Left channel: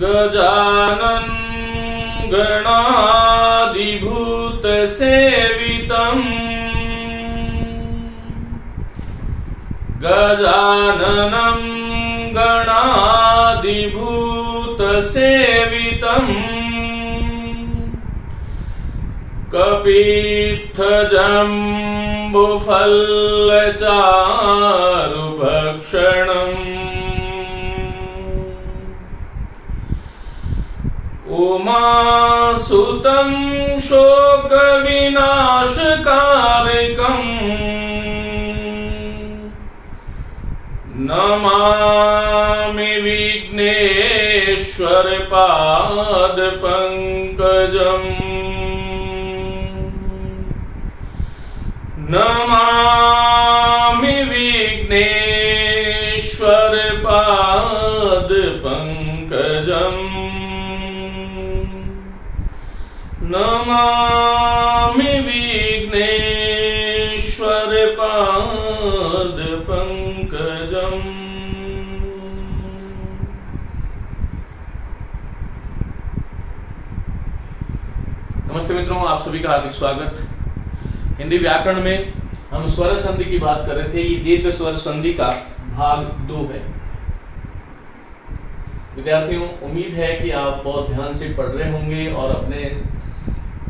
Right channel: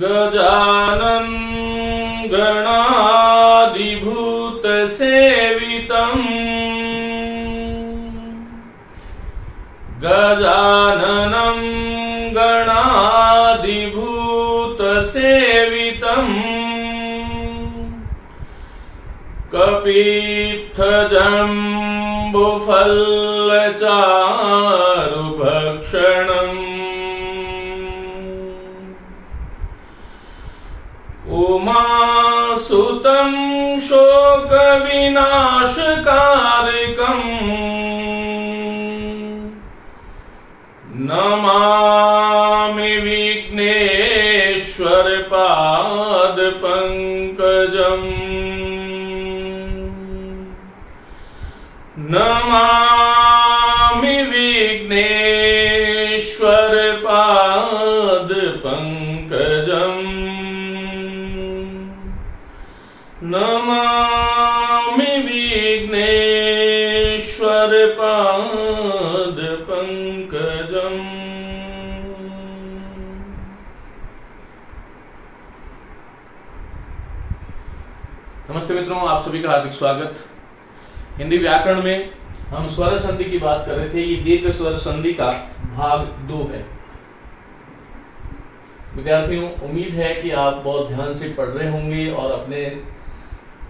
गजानन गणाधिभूत सेवितम् गजाननं गणाधिभूत सेवितम् कपित्थजम्बुफलचारुभक्षणम् उमासुतं शोकविनाशकारकम् नमामि विघ्नेश्वर पादपङ्कजम् नमामि विघ्नेश्वर पादपङ्कजम् नमामि विघ्नेश्वर पादपङ्कजम्। नमस्ते मित्रों, आप सभी का हार्दिक स्वागत। हिंदी व्याकरण में हम स्वर संधि की बात कर रहे थे। ये दीर्घ स्वर संधि का भाग 2 है। विद्यार्थियों, उम्मीद है कि आप बहुत ध्यान से पढ़ रहे होंगे और अपने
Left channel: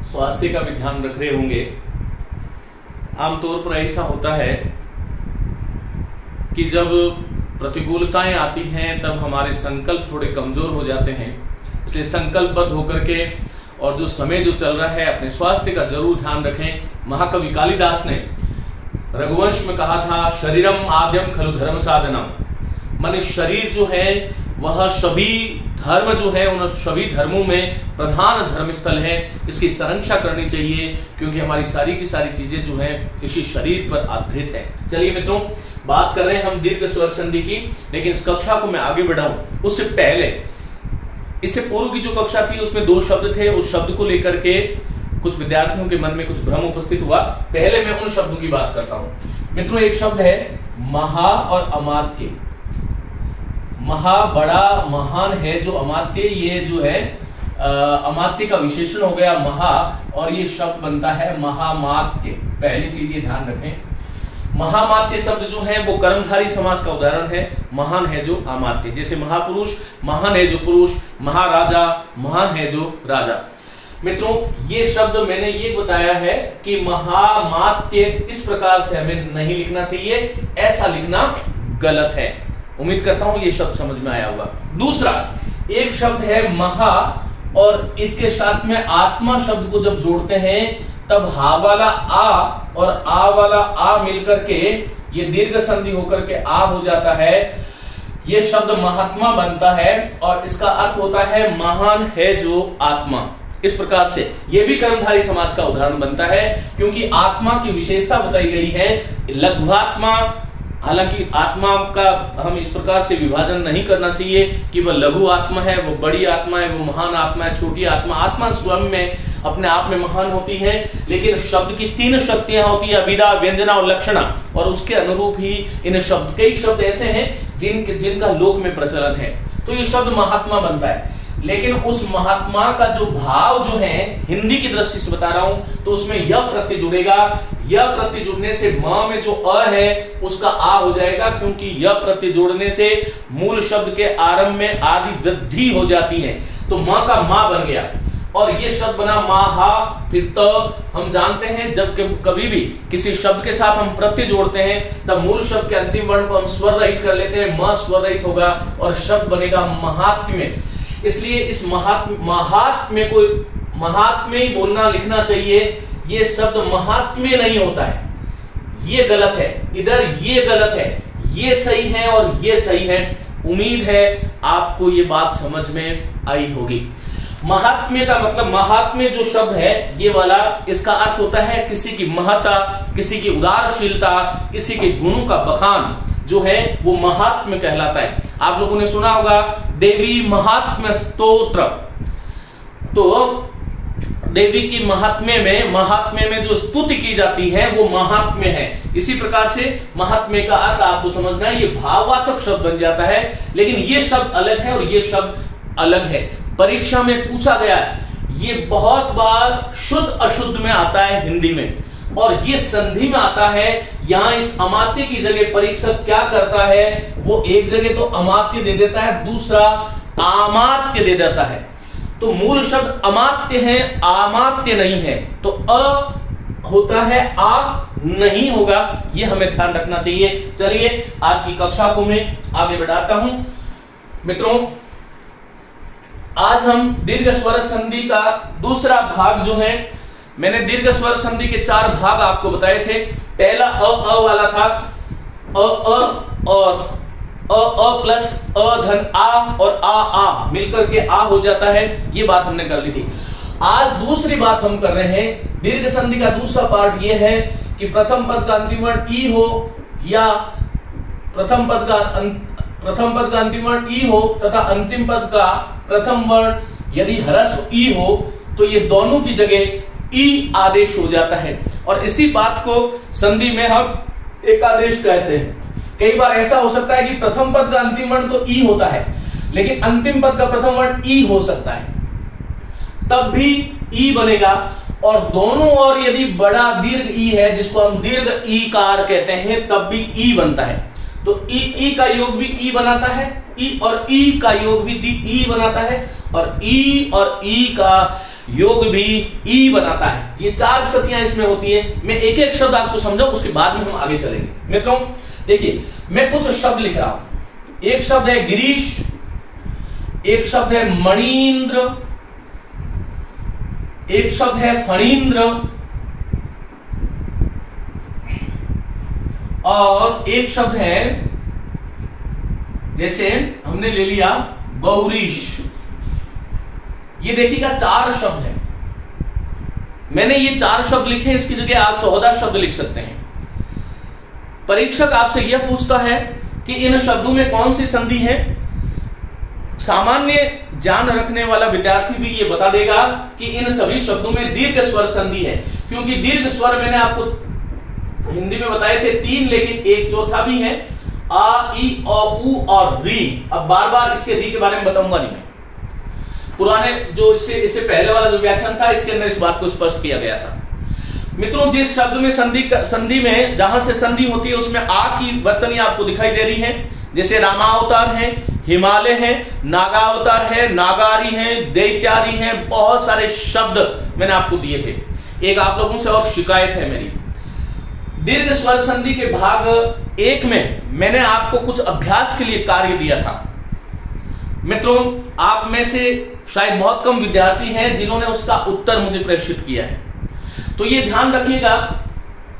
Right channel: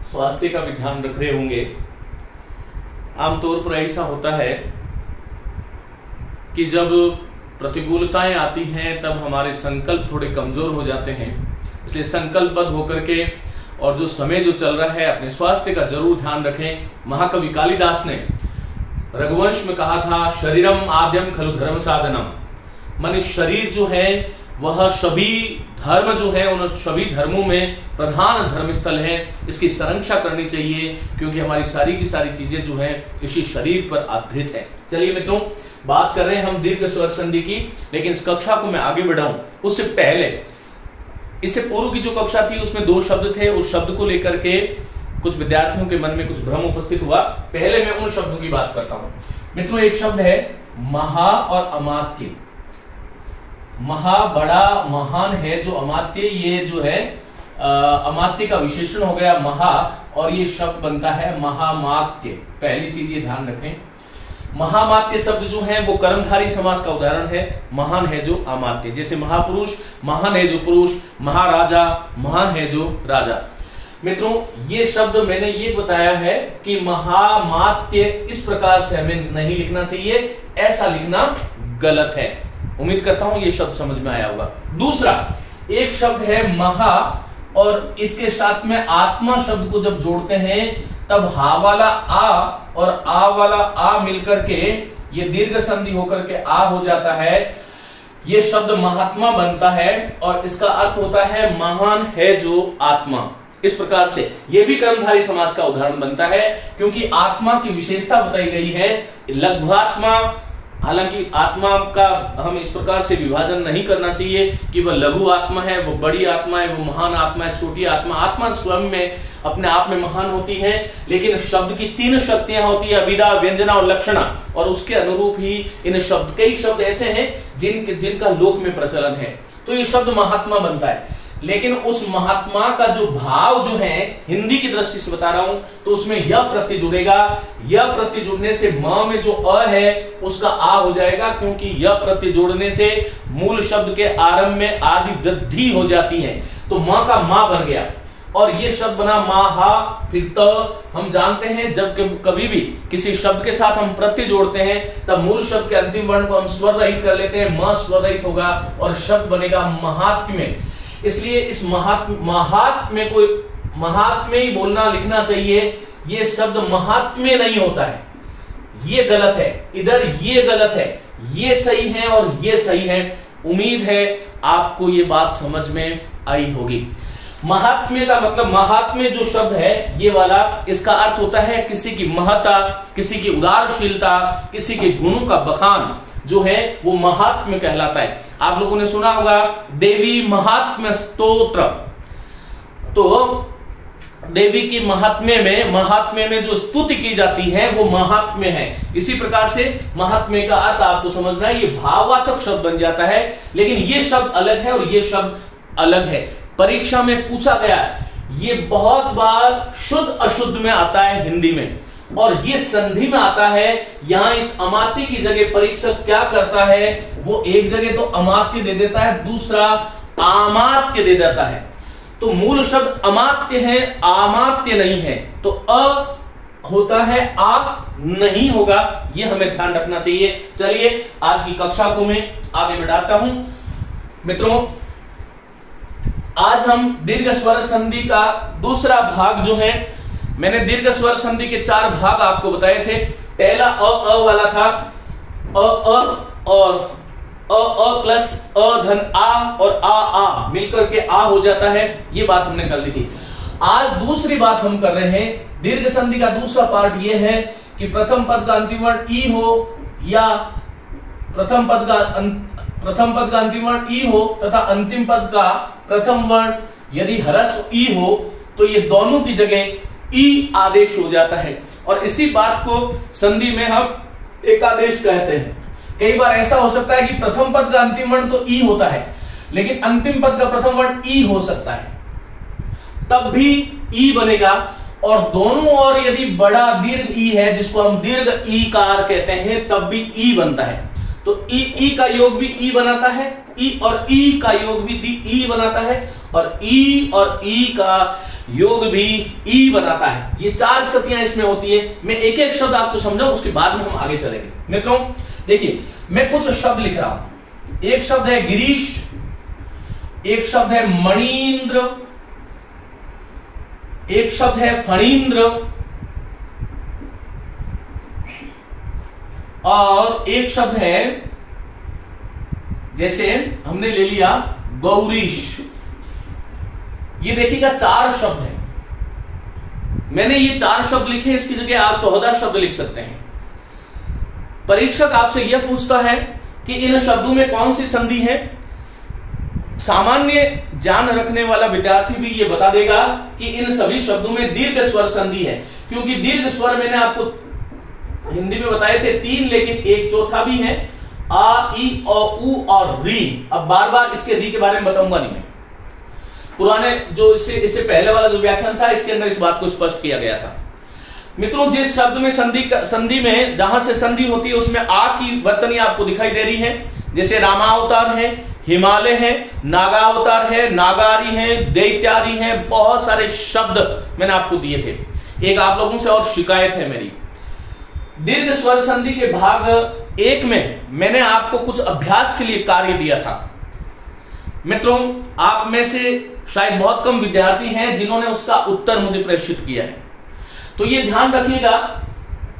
स्वास्थ्य का भी ध्यान रख रहे होंगे। आमतौर पर ऐसा होता है कि जब प्रतिकूलताएं आती हैं तब हमारे संकल्प थोड़े कमजोर हो जाते हैं। इसलिए संकल्पबद्ध होकर के और जो समय जो चल रहा है अपने स्वास्थ्य का जरूर ध्यान रखें। महाकवि कालिदास ने रघुवंश में कहा था, शरीरम आद्यम खलु धर्म साधनम। माने शरीर जो है वह सभी धर्म जो है उन सभी धर्मों में प्रधान धर्म स्थल है। इसकी संरक्षा करनी चाहिए क्योंकि हमारी सारी की सारी चीजें जो है इसी शरीर पर आधारित है। चलिए मित्रों, बात कर रहे हैं हम दीर्घ स्वर संधि की, लेकिन इस कक्षा को मैं आगे बढ़ाऊं उससे पहले, इससे पूर्व की जो कक्षा थी उसमें 2 शब्द थे। उस शब्द को लेकर के कुछ विद्यार्थियों के मन में कुछ भ्रम उपस्थित हुआ। पहले मैं उन शब्दों की बात करता हूं। मित्रों, एक शब्द है महा और अमात्य। महा बड़ा महान है, जो अमात्य ये जो है अमात्य का विशेषण हो गया महा, और ये शब्द बनता है महामात्य। पहली चीज ये ध्यान रखें, महामात्य शब्द जो है वो कर्मधारी समास का उदाहरण है। महान है जो अमात्य, जैसे महापुरुष महान है जो पुरुष, महाराजा महान है जो राजा। मित्रों, ये शब्द मैंने ये बताया है कि महामात्य इस प्रकार से हमें नहीं लिखना चाहिए, ऐसा लिखना गलत है। उम्मीद करता हूं ये शब्द समझ में आया होगा। दूसरा एक शब्द है महा, और इसके साथ में आत्मा शब्द को जब जोड़ते हैं तब हा वाला आ और आ वाला आ मिलकर के ये दीर्घ संधि होकर के आ हो जाता है। ये शब्द महात्मा बनता है और इसका अर्थ होता है महान है जो आत्मा। इस प्रकार से ये भी कर्मधारी समास का उदाहरण बनता है, क्योंकि आत्मा की विशेषता बताई गई है लघ्वात्मा। हालांकि आत्मा का हम इस प्रकार से विभाजन नहीं करना चाहिए कि वह लघु आत्मा है, वो बड़ी आत्मा है, वो महान आत्मा है, छोटी आत्मा। आत्मा स्वयं में अपने आप में महान होती है, लेकिन शब्द की 3 शक्तियां होती है, अभिधा, व्यंजना और लक्षणा, और उसके अनुरूप ही इन शब्द, कई शब्द ऐसे हैं जिनका लोक में प्रचलन है। तो ये शब्द महात्मा बनता है, लेकिन उस महात्मा का जो भाव जो है हिंदी की दृष्टि से बता रहा हूं, तो उसमें य प्रत्यय जुड़ेगा। य प्रत्यय जुड़ने से म में जो अ है उसका आ हो जाएगा, क्योंकि य प्रत्यय जोड़ने से मूल शब्द के आरंभ में आदि वृद्धि हो जाती है, तो म का मा बन गया और ये शब्द बना माहा। फिर त, हम जानते हैं जब कभी भी किसी शब्द के साथ हम प्रत्यय जोड़ते हैं तब मूल शब्द के अंतिम वर्ण को हम स्वर रहित कर लेते हैं, म स्वर रहित होगा और शब्द बनेगा महात्म्य। इसलिए इस महात्म्य को महात्म्य ही बोलना लिखना चाहिए। ये शब्द महात्म्य नहीं होता है, ये गलत है। इधर ये गलत है, ये सही है और ये सही है। उम्मीद है आपको ये बात समझ में आई होगी। महात्म्य का मतलब, महात्म्य जो शब्द है ये वाला, इसका अर्थ होता है किसी की महत्ता, किसी की उदारशीलता, किसी के गुणों का बखान जो है वो महात्म्य कहलाता है। आप लोगों ने सुना होगा देवी महात्म्य स्तोत्र। तो देवी की महात्म्य में जो स्तुति की जाती है वो महात्म्य है। इसी प्रकार से महात्म्य का अर्थ आपको समझना है, ये भाववाचक शब्द बन जाता है, लेकिन ये शब्द अलग है और ये शब्द अलग है। परीक्षा में पूछा गया, ये बहुत बार शुद्ध अशुद्ध में आता है हिंदी में, और ये संधि में आता है। यहां इस अमात्य की जगह परीक्षक क्या करता है, वो एक जगह तो अमात्य दे देता है, दूसरा आमात्य दे देता है। तो मूल शब्द अमात्य है, आमात्य नहीं है, तो अ होता है, आ नहीं होगा, ये हमें ध्यान रखना चाहिए। चलिए आज की कक्षा को मैं आगे बढ़ाता हूं। मित्रों, आज हम दीर्घ स्वर संधि का दूसरा भाग जो है, मैंने दीर्घ स्वर संधि के 4 भाग आपको बताए थे। पहला अ वाला था, अ और अ प्लस अ धन आ और आ मिलकर के आ हो जाता है, ये बात हमने कर ली थी। आज दूसरी बात हम कर रहे हैं, दीर्घ संधि का दूसरा पार्ट ये है कि प्रथम पद का अंतिम वर्ण ई हो या प्रथम पद का अंतिम वर्ण ई हो तथा अंतिम पद का प्रथम वर्ण यदि ह्रस्व ई हो तो ये दोनों की जगह ई आदेश हो जाता है, और इसी बात को संधि में हम एक आदेश कहते हैं। कई बार ऐसा हो सकता है कि प्रथम पद का अंतिम वर्ण तो ई होता है, लेकिन अंतिम पद का प्रथम वर्ण ई हो सकता है, तब भी ई बनेगा। और दोनों ओर यदि बड़ा दीर्घ ई है, जिसको हम दीर्घ ई कार कहते हैं, तब भी ई बनता है। तो ई का योग भी ई बनाता है, ई और ई का योग भी ई बनाता है, और ई का योग भी ई बनाता है। ये 4 स्थितियां इसमें होती है। मैं एक एक शब्द आपको समझाऊं, उसके बाद में हम आगे चलेंगे। मित्रों देखिए, मैं कुछ शब्द लिख रहा हूं। एक शब्द है गिरीश, एक शब्द है मणीन्द्र, एक शब्द है फणीन्द्र, और एक शब्द है, जैसे हमने ले लिया गौरीश। ये देखिएगा 4 शब्द हैं। मैंने ये 4 शब्द लिखे, इसकी जगह आप 14 शब्द लिख सकते हैं। परीक्षक आपसे यह पूछता है कि इन शब्दों में कौन सी संधि है। सामान्य ज्ञान रखने वाला विद्यार्थी भी ये बता देगा कि इन सभी शब्दों में दीर्घ स्वर संधि है, क्योंकि दीर्घ स्वर मैंने आपको हिंदी में बताए थे 3, लेकिन एक चौथा भी है, आ, ई, औ, उ और री। अब बार बार इसके री के बारे में बताऊंगा नहीं मैं। पुराने जो इससे पहले वाला जो व्याख्यान था, इसके अंदर इस बात को स्पष्ट किया गया था। मित्रों, जिस शब्द में संधि में जहां से संधि होती है उसमें आ की वर्तनी आपको दिखाई दे रही है। जैसे रामावतार है, हिमालय है, नागावतार है, नागारी है, दैत्यारी है, बहुत सारे शब्द मैंने आपको दिए थे। एक आप लोगों से और शिकायत है मेरी, दीर्घ स्वर संधि के भाग 1 में मैंने आपको कुछ अभ्यास के लिए कार्य दिया था। मित्रों, आप में से शायद बहुत कम विद्यार्थी हैं जिन्होंने उसका उत्तर मुझे प्रेषित किया है, तो ये ध्यान रखिएगा,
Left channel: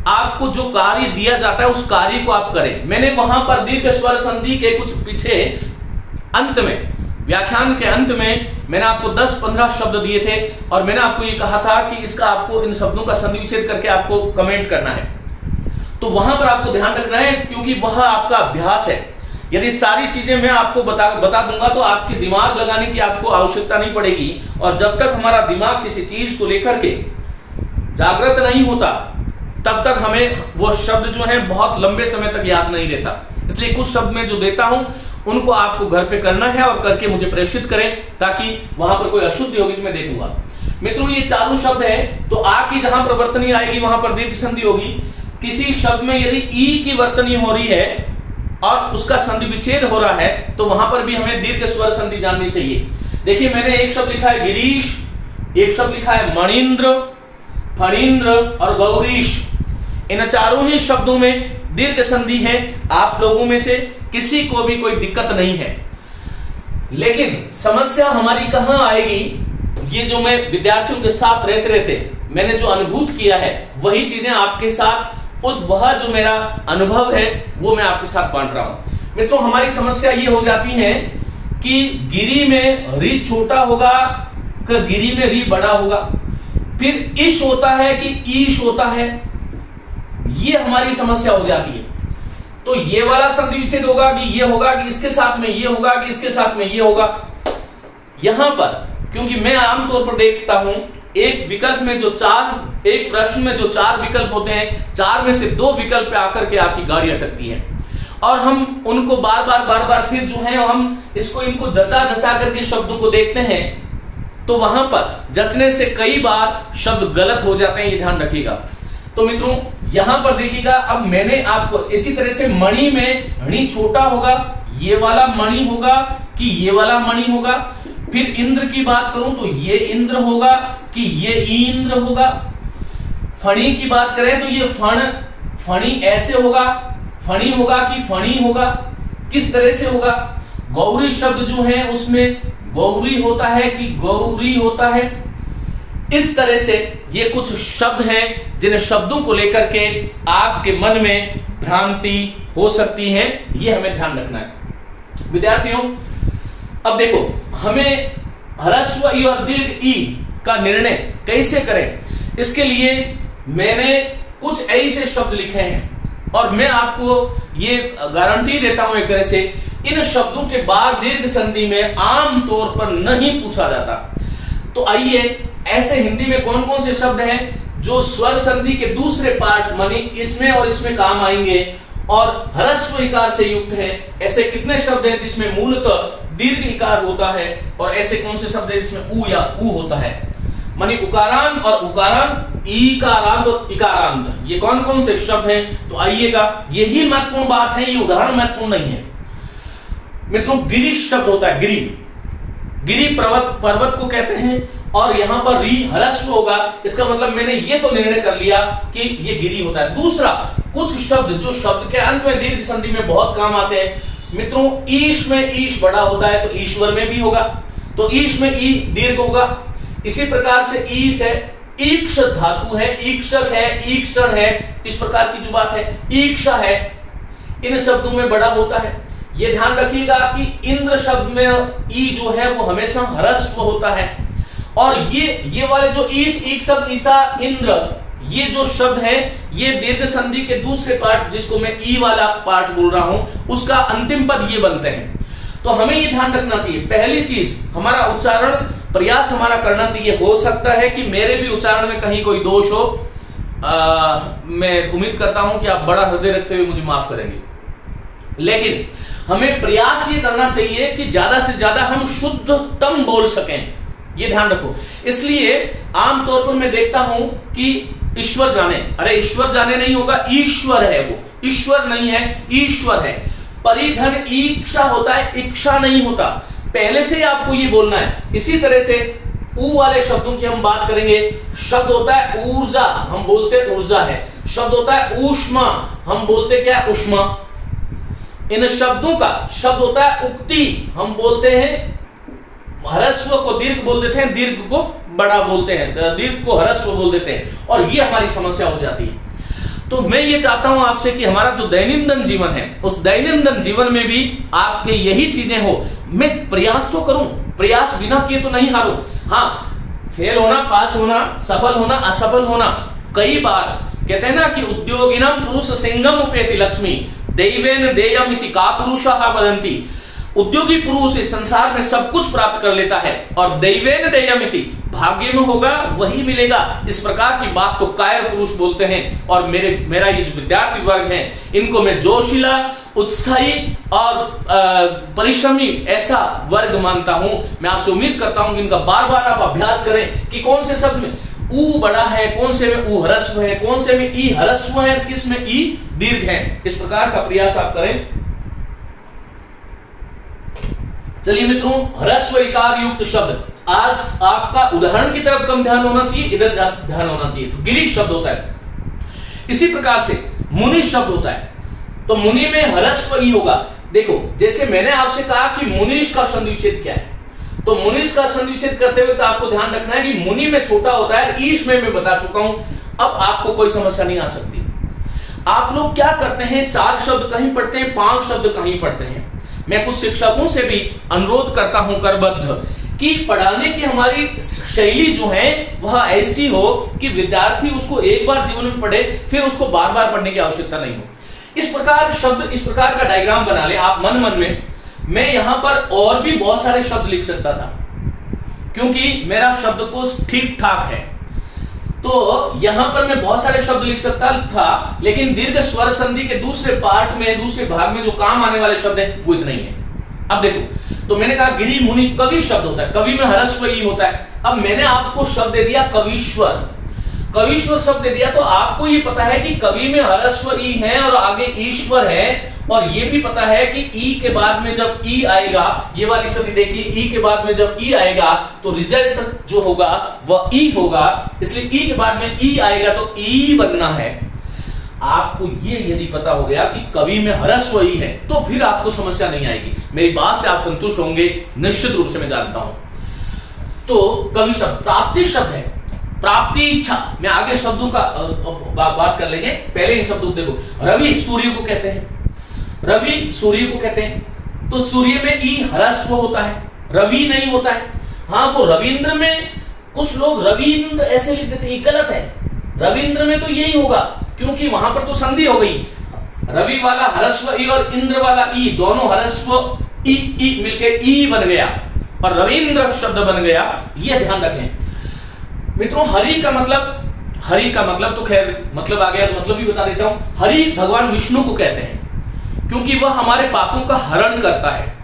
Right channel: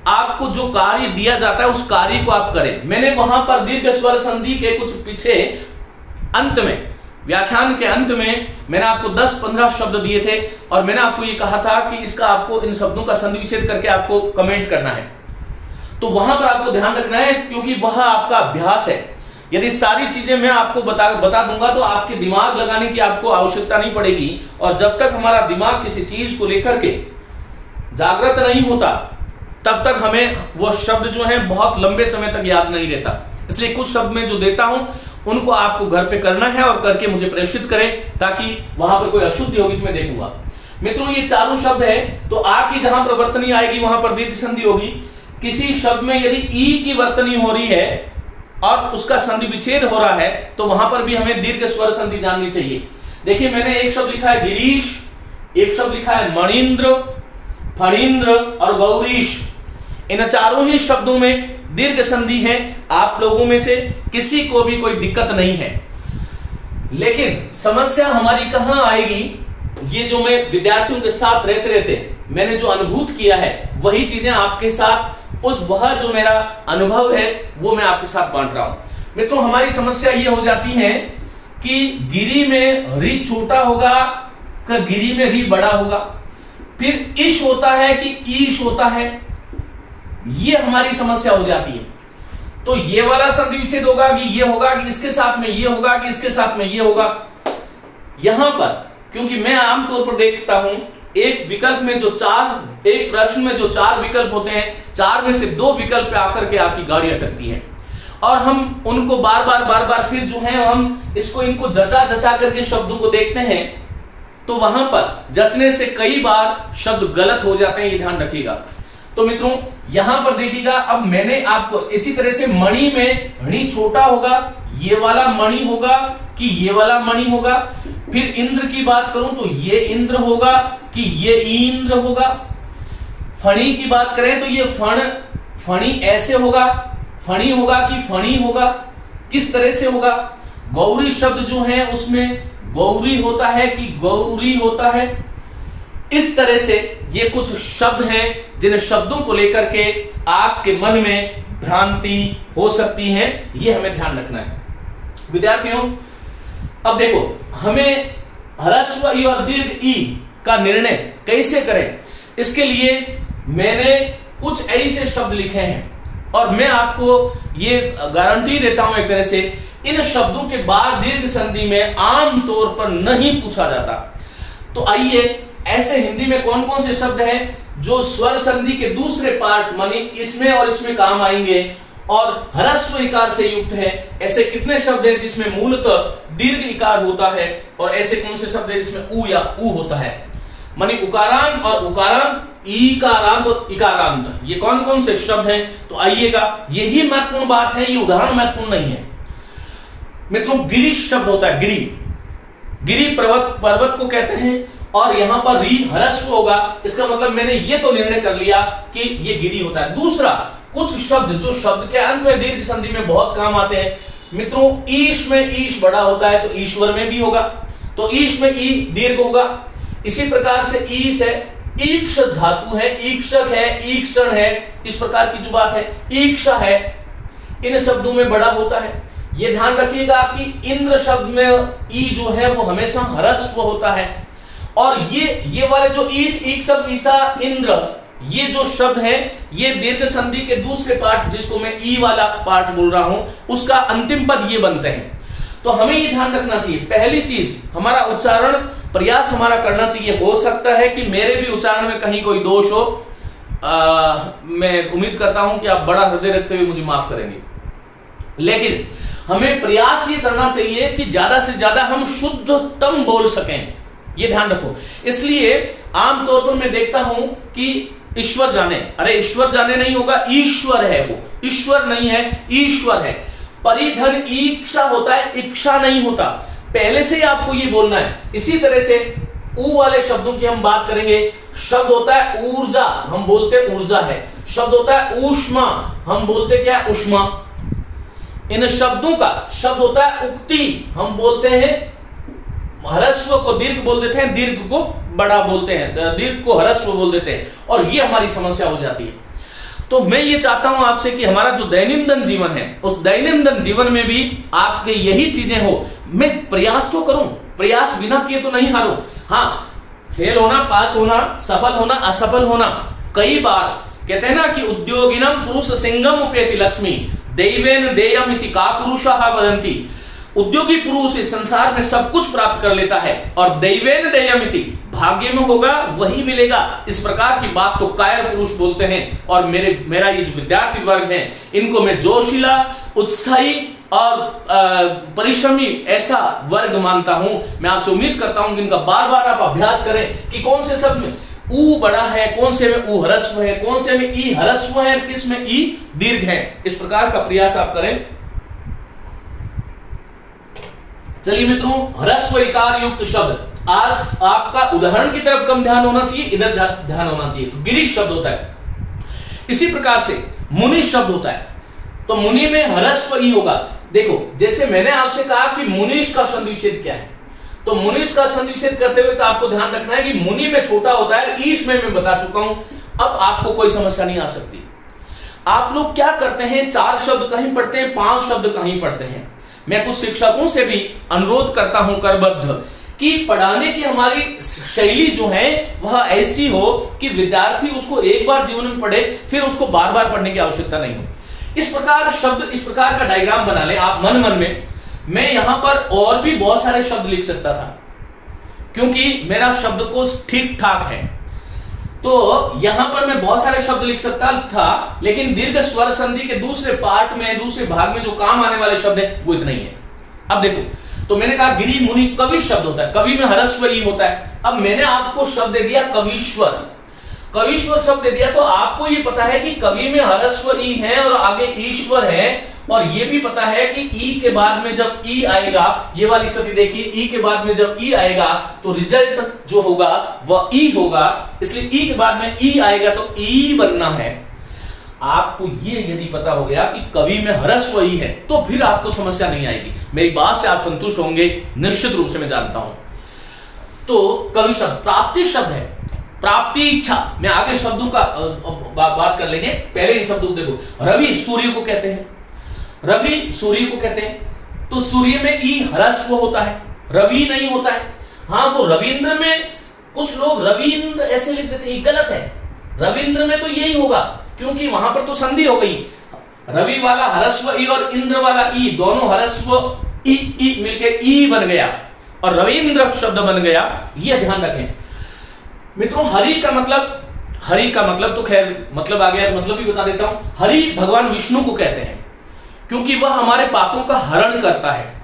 आपको जो कार्य दिया जाता है उस कार्य को आप करें। मैंने वहां पर दीर्घ स्वर संधि के कुछ पीछे अंत में, व्याख्यान के अंत में मैंने आपको 10-15 शब्द दिए थे, और मैंने आपको ये कहा था कि इसका आपको इन शब्दों का संधि विच्छेद करके आपको कमेंट करना है। तो वहां पर आपको ध्यान रखना है, क्योंकि वह आपका अभ्यास है। यदि सारी चीजें मैं आपको बता दूंगा तो आपके दिमाग लगाने की आपको आवश्यकता नहीं पड़ेगी, और जब तक हमारा दिमाग किसी चीज को लेकर के जागृत नहीं होता, तब तक हमें वो शब्द जो है बहुत लंबे समय तक याद नहीं रहता। इसलिए कुछ शब्द मैं जो देता हूं उनको आपको घर पे करना है, और करके मुझे प्रेषित करें, ताकि वहां पर कोई अशुद्धि होगी तो मैं देखूंगा। मित्रों, ये 4 शब्द है, तो आ की जहां पर वर्तनी आएगी वहां पर दीर्घ संधि होगी। किसी शब्द में यदि ई की वर्तनी हो रही है और उसका संधि विच्छेद हो रहा है, तो वहां पर भी हमें दीर्घ स्वर संधि जाननी चाहिए। देखिए, मैंने एक शब्द लिखा है गिरीश, एक शब्द लिखा है मणीन्द्र, फणीन्द्र और गौरीश। इन 4 ही शब्दों में दीर्घ संधि है। आप लोगों में से किसी को भी कोई दिक्कत नहीं है, लेकिन समस्या हमारी कहां आएगी, ये जो मैं विद्यार्थियों के साथ रहते मैंने जो अनुभूत किया है, वही चीजें आपके साथ, वह जो मेरा अनुभव है वो मैं आपके साथ बांट रहा हूं। मित्रों, हमारी समस्या ये हो जाती है कि गिरी में री छोटा होगा कि गिरी में री बड़ा होगा, फिर इश होता है कि ईश होता है, ये हमारी समस्या हो जाती है। तो ये वाला संधि विच्छेद होगा कि ये होगा कि इसके साथ में ये होगा कि इसके साथ में ये होगा। यहां पर क्योंकि मैं आमतौर पर देखता हूं एक विकल्प में एक प्रश्न में जो 4 विकल्प होते हैं, 4 में से 2 विकल्प पे आकर के आपकी गाड़ी अटकती है, और हम उनको बार बार फिर जो है हम इनको जचा करके शब्दों को देखते हैं, तो वहां पर जचने से कई बार शब्द गलत हो जाते हैं, ये ध्यान रखिएगा। तो मित्रों यहां पर देखिएगा, अब मैंने आपको इसी तरह से मणि में णी छोटा होगा, ये वाला मणि होगा कि ये वाला मणि होगा। फिर इंद्र की बात करूं तो ये इंद्र होगा कि ये इंद्र होगा। फणी की बात करें तो ये फणी ऐसे होगा, फणी होगा कि फणी होगा, किस तरह से होगा। गौरी शब्द जो है उसमें गौरी होता है कि गौरी होता है। इस तरह से ये कुछ शब्द हैं जिन शब्दों को लेकर के आपके मन में भ्रांति हो सकती है, ये हमें ध्यान रखना है विद्यार्थियों। अब देखो, हमें ह्रस्व ई और दीर्घ ई का निर्णय कैसे करें, इसके लिए मैंने कुछ ऐसे शब्द लिखे हैं और मैं आपको ये गारंटी देता हूं एक तरह से, इन शब्दों के बाद दीर्घ संधि में आमतौर पर नहीं पूछा जाता। तो आइए, ऐसे हिंदी में कौन कौन से शब्द हैं जो स्वर संधि के दूसरे पार्ट मानी इसमें और इसमें काम आएंगे और ह्रस्व इकार से युक्त है। ऐसे कितने शब्द हैं जिसमें मूलतः दीर्घ इकार होता है, और ऐसे कौन से शब्द हैं जिसमें ऊ या ऊ होता है, मानी उकारांत और उकारांत, ईकारांत और इकारांत। ये कौन कौन से शब्द हैं, तो आइएगा, यही महत्वपूर्ण बात है, ये उदाहरण महत्वपूर्ण नहीं है मित्रों। गिरी शब्द होता है, गिरी पर्वत को कहते हैं, और यहां पर री ह्रस्व होगा, इसका मतलब मैंने ये तो निर्णय कर लिया कि ये गिरी होता है। दूसरा, कुछ शब्द जो शब्द के अंत में दीर्घ संधि में बहुत काम आते हैं मित्रों, ईश में ईश बड़ा होता है तो ईश्वर में भी होगा, तो ईश में ई दीर्घ होगा। इसी प्रकार से ईश है, ईक्ष धातु है, ईक्षक है, ईक्षण है, इस प्रकार की जो बात है, ईक्षा है, इन शब्दों में बड़ा होता है। ये ध्यान रखिएगा कि इंद्र शब्द में ई जो है वो हमेशा ह्रस्व होता है, और ये वाले जो ईश, ईक्षक, ईसा, इंद्र, ये जो शब्द है ये दीर्घ संधि के दूसरे पार्ट, जिसको मैं ई वाला पार्ट बोल रहा हूं, उसका अंतिम पद ये बनते हैं। तो हमें ये ध्यान रखना चाहिए, पहली चीज हमारा उच्चारण प्रयास हमारा करना चाहिए। हो सकता है कि मेरे भी उच्चारण में कहीं कोई दोष हो, मैं उम्मीद करता हूं कि आप बड़ा हृदय रखते हुए मुझे माफ करेंगे, लेकिन हमें प्रयास ये करना चाहिए कि ज्यादा से ज्यादा हम शुद्धतम बोल सकें, ये ध्यान रखो। इसलिए आमतौर पर मैं देखता हूं कि ईश्वर जाने, अरे ईश्वर जाने नहीं होगा, ईश्वर है वो, ईश्वर नहीं है, ईश्वर है। परिधन ईक्षा होता है, इच्छा नहीं होता, पहले से ही आपको ये बोलना है। इसी तरह से ऊ वाले शब्दों की हम बात करेंगे। शब्द होता है ऊर्जा, हम बोलते ऊर्जा है। शब्द होता है ऊष्मा, हम बोलते क्या है, ऊष्मा। इन शब्दों का शब्द होता है उक्ति, हम बोलते हैं ह्रस्व को दीर्घ बोल देते हैं, दीर्घ को बड़ा बोलते हैं, दीर्घ को ह्रस्व बोल देते हैं, और ये हमारी समस्या हो जाती है। तो मैं ये चाहता हूं आपसे कि हमारा जो दैनंदिन जीवन है, उस दैनंदिन जीवन में भी आपके यही चीजें हो। मैं प्रयास तो करूं, प्रयास बिना किए तो नहीं हारूं। हाँ, फेल होना, पास होना, सफल होना, असफल होना, कई बार कहते हैं ना कि उद्योगिनम पुरुष सिंगम उपेति लक्ष्मी दैवेन देयम इति का पुरुषः वदन्ति। उद्योगी पुरुष इस संसार में सब कुछ प्राप्त कर लेता है, और दैवेन देयमिति, भाग्य में होगा वही मिलेगा, इस प्रकार की बात तो कायर पुरुष बोलते हैं। और मेरा ये जो विद्यार्थी वर्ग है, इनको मैं जोशीला, उत्साही और परिश्रमी ऐसा वर्ग मानता हूं। मैं आपसे उम्मीद करता हूं कि इनका बार बार आप अभ्यास करें कि कौन से शब्द में ऊ बड़ा है, कौन से में ऊ ह्रस्व है, कौन से में ई ह्रस्व है, किस में ई दीर्घ है। इस प्रकार का प्रयास आप करें। चलिए मित्रों, ह्रस्व इकार युक्त शब्द, आज आपका उदाहरण की तरफ कम ध्यान होना चाहिए, इधर ध्यान होना चाहिए। तो गिरी शब्द होता है। इसी प्रकार से मुनि शब्द होता है, तो मुनि में ह्रस्व ई होगा। देखो, जैसे मैंने आपसे कहा कि मुनीष का संधि विच्छेद क्या है, तो मुनीष का संधि विच्छेद करते हुए तो आपको ध्यान रखना है कि मुनि में छोटा होता है, ईश में मैं बता चुका हूं, अब आपको कोई समस्या नहीं आ सकती। आप लोग क्या करते हैं, 4 शब्द कहीं पढ़ते हैं, 5 शब्द कहीं पढ़ते हैं। मैं कुछ शिक्षकों से भी अनुरोध करता हूं करबद्ध कि पढ़ाने की हमारी शैली जो है वह ऐसी हो कि विद्यार्थी उसको एक बार जीवन में पढ़े, फिर उसको बार बार पढ़ने की आवश्यकता नहीं हो। इस प्रकार शब्द, इस प्रकार का डायग्राम बना ले आप मन में। मैं यहां पर और भी बहुत सारे शब्द लिख सकता था, क्योंकि मेरा शब्दकोश ठीक ठाक है। तो यहां पर मैं बहुत सारे शब्द लिख सकता था, लेकिन दीर्घ स्वर संधि के दूसरे पार्ट में, दूसरे भाग में जो काम आने वाले शब्द है वो इतना ही है। अब देखो, तो मैंने कहा गिरी मुनि कवि शब्द होता है, कवि में ह्रस्व ई होता है। अब मैंने आपको शब्द दे दिया कवीश्वर, कवीश्वर शब्द दे दिया, तो आपको ये पता है कि कवि में ह्रस्व ई है और आगे ईश्वर है, और ये भी पता है कि ई के बाद में जब ई आएगा, ये वाली स्थिति देखिए, ई के बाद में जब ई आएगा तो रिजल्ट जो होगा वह ई होगा, इसलिए ई के बाद में ई आएगा तो ई बनना है। आपको ये यदि पता हो गया कि कवि में ह्रस्व ई है तो फिर आपको समस्या नहीं आएगी। मेरी बात से आप संतुष्ट होंगे निश्चित रूप से, मैं जानता हूं। तो कवि शब्द प्राप्ति शब्द है, प्राप्ति इच्छा। मैं आगे शब्दों का बात कर लेंगे, पहले इन शब्दों को देखो। रवि सूर्य को कहते हैं, रवि सूर्य को कहते हैं, तो सूर्य में ई ह्रस्व होता है, रवि नहीं होता है। हाँ, वो रविंद्र में कुछ लोग रविंद्र ऐसे लिख देते हैं, गलत है। रविंद्र में तो यही होगा, क्योंकि वहां पर तो संधि हो गई। रवि वाला ह्रस्व ई और इंद्र वाला ई, दोनों ह्रस्व ई मिलके ई बन गया और रविंद्र शब्द बन गया। यह ध्यान रखें मित्रों। हरि का मतलब तो खैर मतलब आ गया, तो मतलब भी बता देता हूं। हरि भगवान विष्णु को कहते हैं, क्योंकि वह हमारे पापों का हरण करता है।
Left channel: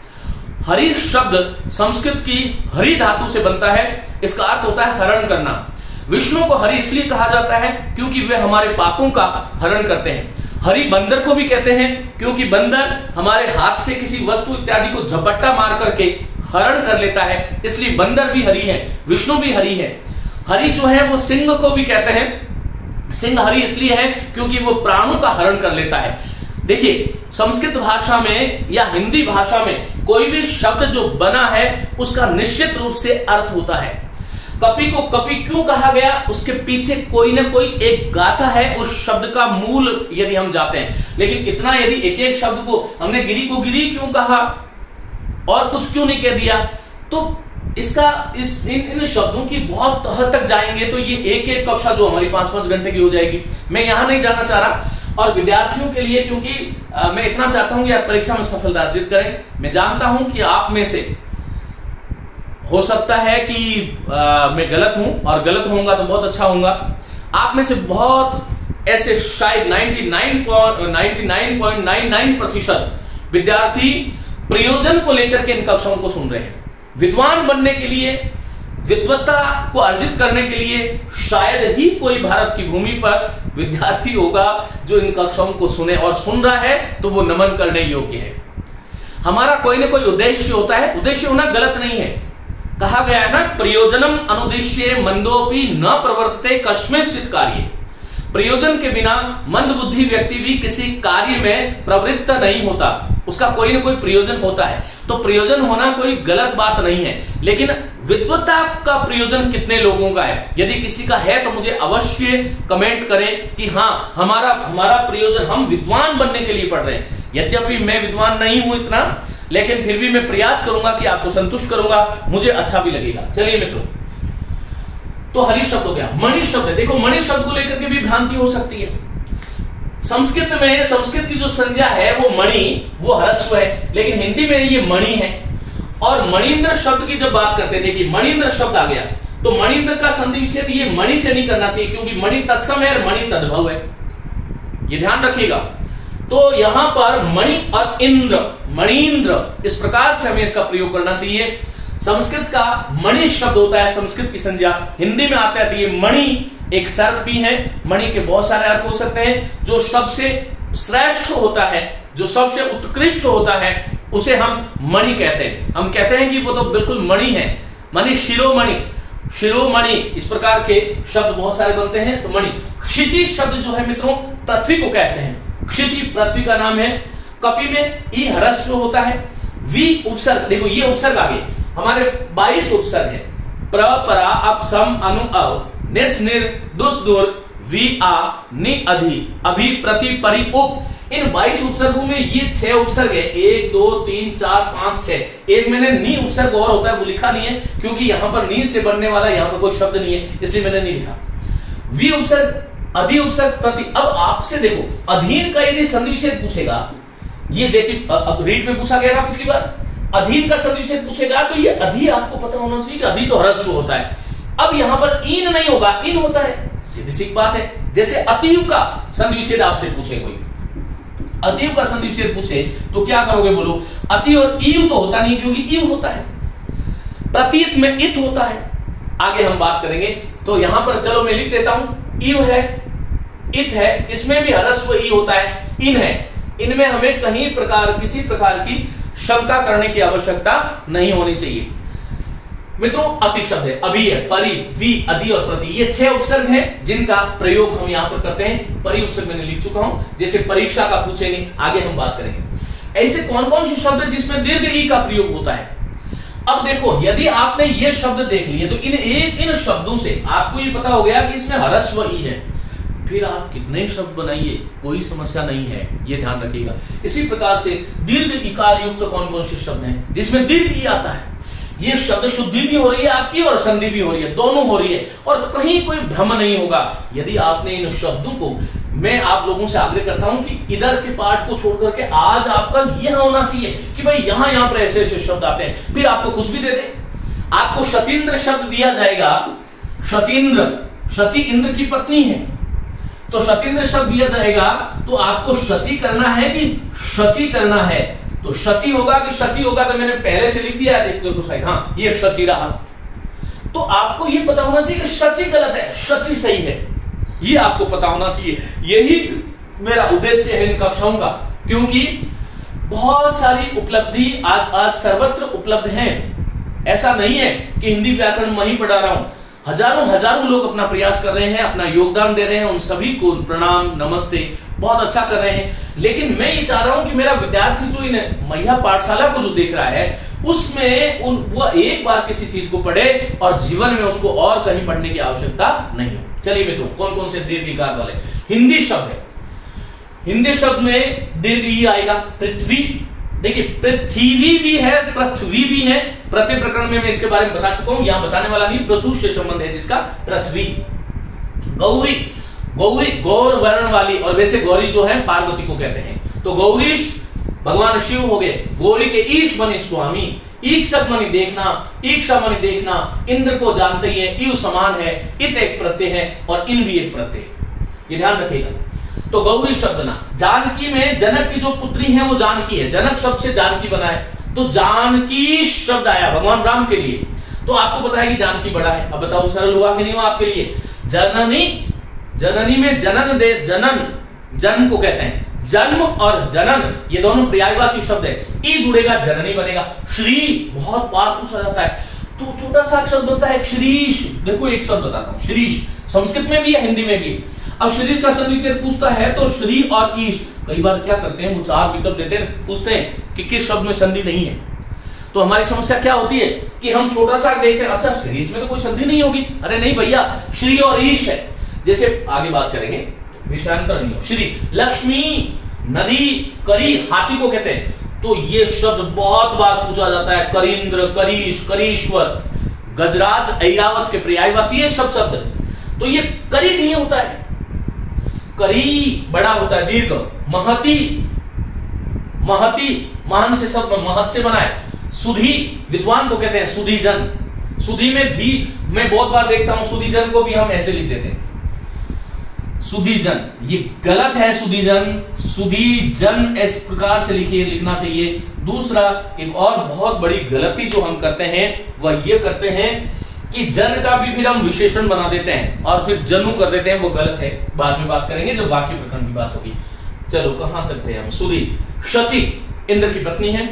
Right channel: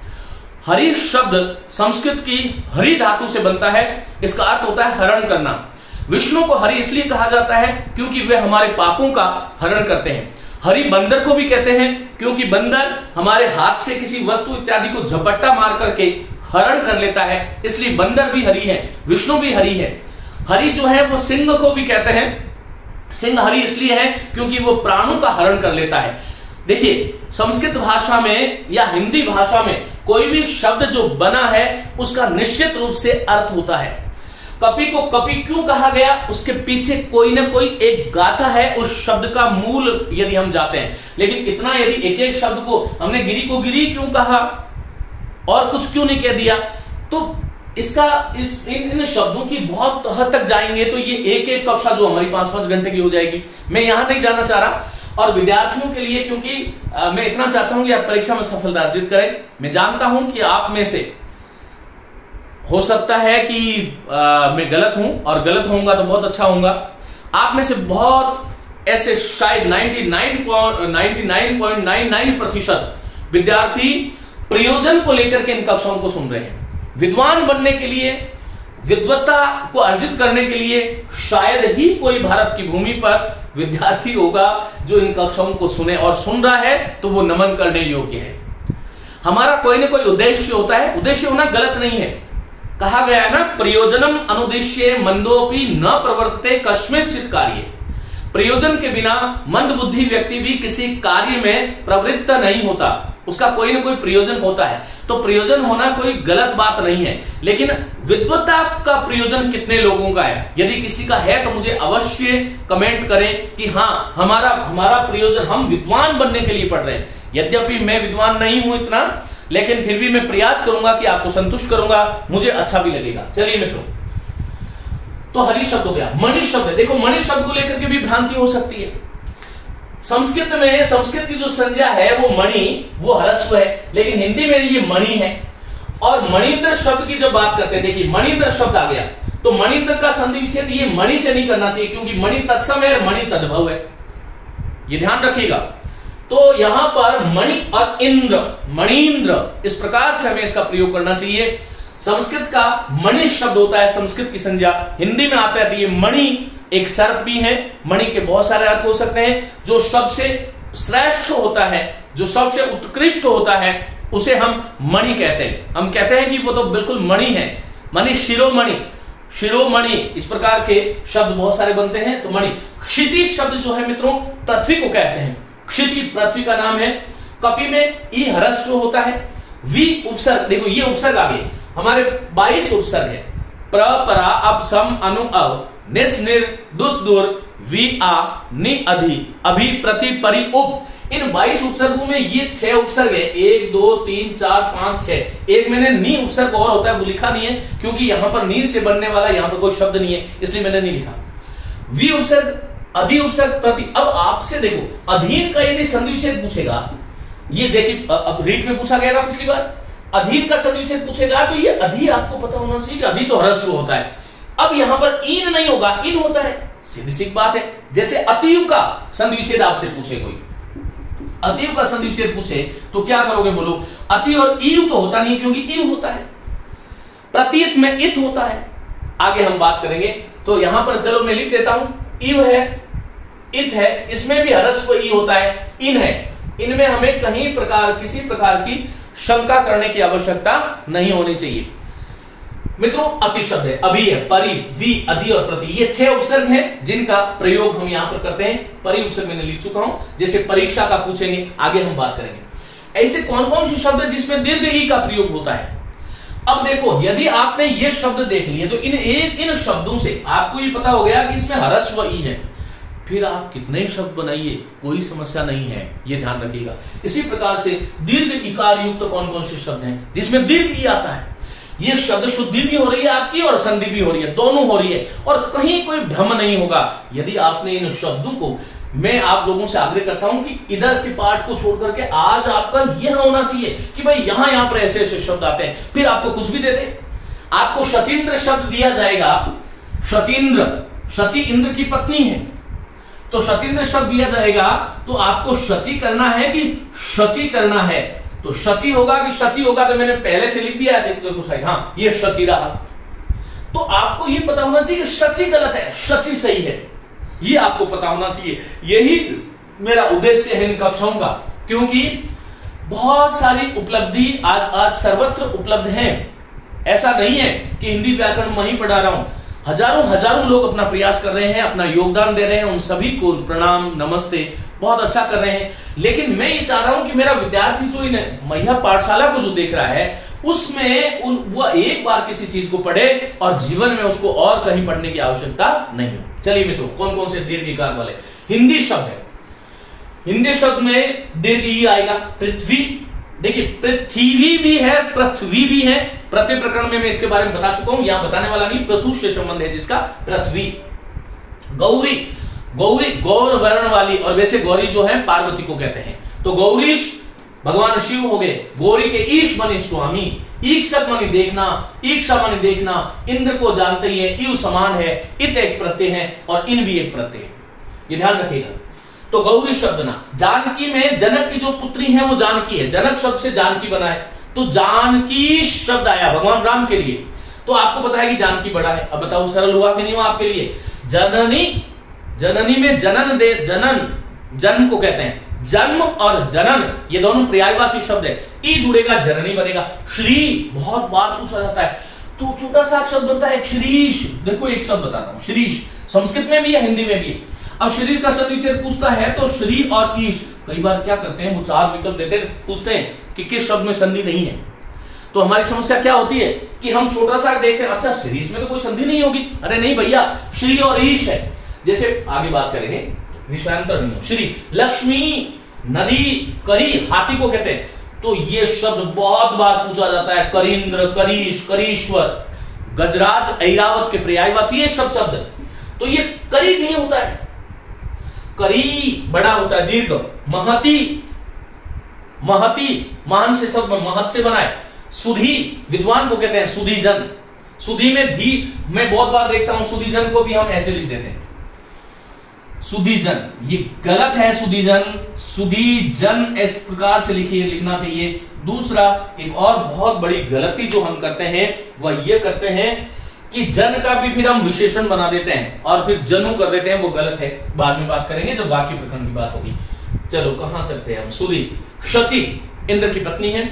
हरि शब्द संस्कृत की हरि धातु से बनता है, इसका अर्थ होता है हरण करना। विष्णु को हरि इसलिए कहा जाता है क्योंकि वे हमारे पापों का हरण करते हैं। हरि बंदर को भी कहते हैं, क्योंकि बंदर हमारे हाथ से किसी वस्तु इत्यादि को झपट्टा मार करके हरण कर लेता है, इसलिए बंदर भी हरि है, विष्णु भी हरि है। हरि जो है वो सिंह को भी कहते हैं, सिंह हरि इसलिए है क्योंकि वो प्राणों का हरण कर लेता है। देखिए, संस्कृत भाषा में या हिंदी भाषा में कोई भी शब्द जो बना है उसका निश्चित रूप से अर्थ होता है। कपि को कपि क्यों कहा गया, उसके पीछे कोई ना कोई एक गाथा है उस शब्द का मूल यदि हम जाते हैं। लेकिन इतना यदि एक एक शब्द को हमने गिरी को गिरी क्यों कहा और कुछ क्यों नहीं कह दिया, तो इसका इन शब्दों की बहुत हद तक जाएंगे तो ये एक एक कक्षा जो हमारी 5-5 घंटे की हो जाएगी। मैं यहां नहीं जाना चाह रहा, और विद्यार्थियों के लिए, क्योंकि मैं इतना चाहता हूं कि आप परीक्षा में सफलता अर्जित करें। मैं जानता हूं कि आप में से हो सकता है कि मैं गलत हूं, और गलत होऊंगा तो बहुत अच्छा होऊंगा। आप में से बहुत ऐसे शायद 99.99% विद्यार्थी प्रयोजन को लेकर के इन कक्षाओं को सुन रहे हैं। विद्वान बनने के लिए, विद्वत्ता को अर्जित करने के लिए शायद ही कोई भारत की भूमि पर विद्यार्थी होगा जो इन कक्षाओं को सुने, और सुन रहा है तो वो नमन करने योग्य है। हमारा कोई ना कोई उद्देश्य होता है, उद्देश्य होना गलत नहीं है। कहा गया है ना, प्रयोजनम अनुद्देश्य मंदोपि न प्रवर्तते कस्मिंश्चित् कार्ये। प्रयोजन के बिना मंद बुद्धि व्यक्ति भी किसी कार्य में प्रवृत्त नहीं होता, उसका कोई ना कोई प्रयोजन होता है। तो प्रयोजन होना कोई गलत बात नहीं है, लेकिन विद्वत्ता का प्रयोजन कितने लोगों का है? यदि किसी का है तो मुझे अवश्य कमेंट करें कि हाँ, हमारा प्रयोजन, हम विद्वान बनने के लिए पढ़ रहे हैं। यद्यपि मैं विद्वान नहीं हूं इतना, लेकिन फिर भी मैं प्रयास करूंगा कि आपको संतुष्ट करूंगा, मुझे अच्छा भी लगेगा। चलिए मित्रों, तो हरि शब्द हो गया। मणि शब्द, देखो मणि शब्द को लेकर के भी भ्रांति हो सकती है। संस्कृत में, संस्कृत की जो संज्ञा है वो मणि, वो ह्रस्व है, लेकिन हिंदी में ये मणि है। और मणिंद्र शब्द की जब बात करते हैं, देखिए मणिंद्र शब्द आ गया, तो मणिंद्र का संधि विच्छेद ये मणि से नहीं करना चाहिए, क्योंकि मणि तत्सम है और मणि तद्भव है, ये ध्यान रखिएगा। तो यहां पर मणि और इंद्र, मणिंद्र, इस प्रकार से हमें इसका प्रयोग करना चाहिए। संस्कृत का मणि शब्द होता है संस्कृत की संज्ञा, हिंदी में आता है। ये मणि एक सर्प भी है, मणि के बहुत सारे अर्थ हो सकते हैं। जो सबसे श्रेष्ठ होता है, जो सबसे उत्कृष्ट होता है, उसे हम मणि कहते हैं। हम कहते हैं कि वो तो बिल्कुल मणि है, मणि, शिरोमणि, शिरोमणि, इस प्रकार के शब्द बहुत सारे बनते हैं। तो मणि। क्षिति शब्द जो है मित्रों, पृथ्वी को कहते हैं। क्षिति पृथ्वी का नाम है। कपि में ई ह्रस्व होता है, वी उपसर्ग, देखो ये उपसर्ग आगे हमारे 22 उपसर्ग है। प्र, परा, अप, सम, अनु, अव, निस, निर, दुस, दुर, वी, आ, नि, अधि, अभि, प्रति, परि, उप। इन 22 उपसर्गों में ये 6 उपसर्ग है। 1, 2, 3, 4, 5, 6। एक मैंने नी उपसर्ग और होता है, वो लिखा नहीं है, क्योंकि यहां पर नी से बनने वाला यहां पर कोई शब्द नहीं है, इसलिए मैंने नहीं लिखा। वी उपसर्ग, अधि उपसर्ग, प्रति। अब आपसे देखो, अधीन का यदि संधि विच्छेद पूछेगा, ये देखिए अब रीट में पूछा गया था पिछली बार, अधीन का संधि विच्छेद पूछेगा, तो ये अधि आपको पता होना चाहिए कि अधि तो ह्रस्व होता है। अब यहां पर इन नहीं होगा, इन होता है। सीधी सी बात है। जैसे अतीव का संधि विच्छेद आपसे पूछे कोई, अतीव का संधि विच्छेद पूछे तो क्या करोगे बोलो? अतीव और ईव तो होता नहीं क्योंकि ईव होता है, प्रतीत में इत होता है। आगे हम बात करेंगे। तो यहां पर चलो मैं लिख देता हूं, ईव है, इत है, इसमें भी ह्रस्व ई होता है, इन है। इनमें हमें कहीं किसी प्रकार की शंका करने की आवश्यकता नहीं होनी चाहिए। मित्रों, अति शब्द है, अभी है, परि, वि, अधि और प्रति, ये 6 उपसर्ग हैं जिनका प्रयोग हम यहां पर करते हैं। परि उपसर्ग मैंने लिख चुका हूं, जैसे परीक्षा का पूछेंगे, आगे हम बात करेंगे। ऐसे कौन कौन से शब्द जिसमें दीर्घ ई का प्रयोग होता है? अब देखो, यदि आपने ये शब्द देख लिए तो इन शब्दों से आपको ये पता हो गया कि इसमें ह्रस्व ई है, फिर आप कितने शब्द बनाइए कोई समस्या नहीं है, ये ध्यान रखिएगा। इसी प्रकार से दीर्घ इकार युक्त कौन कौन से शब्द हैं जिसमें दीर्घ ई आता है? ये शब्द शुद्धि भी हो रही है आपकी और संधि भी हो रही है, दोनों हो रही है, और कहीं कोई भ्रम नहीं होगा। यदि आपने इन शब्दों को, मैं आप लोगों से आग्रह करता हूं कि इधर के पार्ट को छोड़ करके आज आपका यह होना चाहिए कि भाई यहां पर ऐसे ऐसे शब्द आते हैं, फिर आपको कुछ भी देते। आपको शचीन्द्र शब्द दिया जाएगा, शचीन्द्र, शची इंद्र की पत्नी है, तो शचीन्द्र शब्द दिया जाएगा तो आपको शची करना है कि शची करना है? तो शची होगा कि शची होगा, तो मैंने पहले से लिख दिया है, देखते हो साइड, हाँ ये शची रहा। तो आपको ये पता होना चाहिए कि शची गलत है, शची सही है, ये आपको पता होना चाहिए। यही मेरा उद्देश्य है इन कक्षाओं का, क्योंकि बहुत सारी उपलब्धि आज सर्वत्र उपलब्ध है। ऐसा नहीं है कि हिंदी व्याकरण मैं ही पढ़ा रहा हूं, हजारों लोग अपना प्रयास कर रहे हैं, अपना योगदान दे रहे हैं, उन सभी को प्रणाम, नमस्ते, बहुत अच्छा कर रहे हैं। लेकिन मैं ये चाह रहा हूं कि मेरा विद्यार्थी जो इन मैया पाठशाला को जो देख रहा है उसमें वो एक बार किसी चीज को पढ़े और जीवन में उसको और कहीं पढ़ने की आवश्यकता नहीं हो। चलिए मित्रों, कौन कौन से दीर्घ इकार वाले हिंदी शब्द है? हिंदी शब्द में दीर्घ ई आएगा। पृथ्वी, देखिए पृथ्वी भी है, पृथ्वी भी है, प्रत्येक प्रकरण में मैं इसके बारे में बता चुका हूं, यहां बताने वाला नहीं, पृथु से संबंध है जिसका, पृथ्वी। गौरी, गौरी गौर वर्ण वाली, और वैसे गौरी जो है पार्वती को कहते हैं, तो गौरीश भगवान शिव हो गए। गौरी के ईश बने स्वामी, ईक्षक मानी देखना, ईक्षा मानी देखना, इंद्र को जानते ही है, इव समान है, इत एक प्रत्यय है और इन भी एक प्रत्यय है, ये ध्यान रखिएगा। तो गौरी शब्द ना, जानकी में जनक की जो पुत्री है वो जानकी है, जनक शब्द से जानकी बना है, तो जानकी शब्द आया भगवान राम के लिए। तो आपको पता है कि जानकी बड़ा है। अब बताओ सरल हुआ कि नहीं हुआ आपके लिए? जननी, जननी में जनन दे, जनन, जन्म को कहते हैं, जन्म और जनन ये दोनों पर्यायवाची शब्द है, ई जुड़ेगा जननी बनेगा। श्री बहुत बार पूछा जाता है, तो छोटा सा शब्द होता है श्रीश। देखो एक शब्द बताता हूं, श्रीश संस्कृत में भी है, हिंदी में भी है। अब शरीर का संधि विच्छेद पूछता है तो श्री और ईश, कई बार क्या करते हैं वो 4 विकल्प देते हैं, पूछते हैं कि किस शब्द में संधि नहीं है। तो हमारी समस्या क्या होती है कि हम छोटा सा देखते हैं, अच्छा श्रीश में तो कोई संधि नहीं होगी, अरे नहीं भैया, श्री और ईश है। जैसे आगे बात करेंगे, विषयांतर नहीं हो। श्री, लक्ष्मी, नदी, करी, हाथी को कहते हैं, तो ये शब्द बहुत बार पूछा जाता है, करींद्र, करीश, करीश्वर, गजराज, ऐरावत के पर्यायवाची ये सब शब्द। तो ये करी नहीं होता है, करी बड़ा होता है, दीर्घ। महती, महती महान से शब्द महत से बना है। सुधी, विद्वान को कहते हैं सुधीजन। सुधी में धी, मैं बहुत बार देखता हूं सुधीजन को भी हम ऐसे लिख देते हैं, सुधीजन, ये गलत है। सुधीजन, सुधीजन इस प्रकार से लिखना चाहिए। दूसरा, एक और बहुत बड़ी गलती जो हम करते हैं वह ये करते हैं कि जन का भी फिर हम विशेषण बना देते हैं और फिर जनु कर देते हैं, वो गलत है। बाद में बात करेंगे जब वाक्य प्रकरण की बात होगी। चलो कहां तक थे हम? सुधी, शची इंद्र की पत्नी है।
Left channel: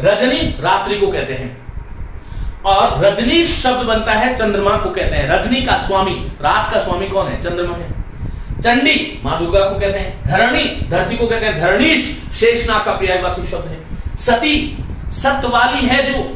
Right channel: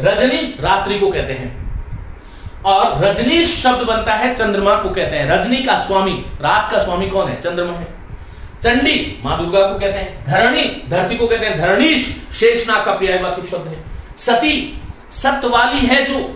रजनी रात्रि को कहते हैं, और रजनी शब्द बनता है चंद्रमा को कहते हैं। रजनी का स्वामी, रात का स्वामी कौन है? चंद्रमा है। चंडी मां दुर्गा को कहते हैं। धरणी, धरती को कहते हैं। धरणीश शेषनाग का पर्यायवाची शब्द है। सती, सत्य वाली है, जो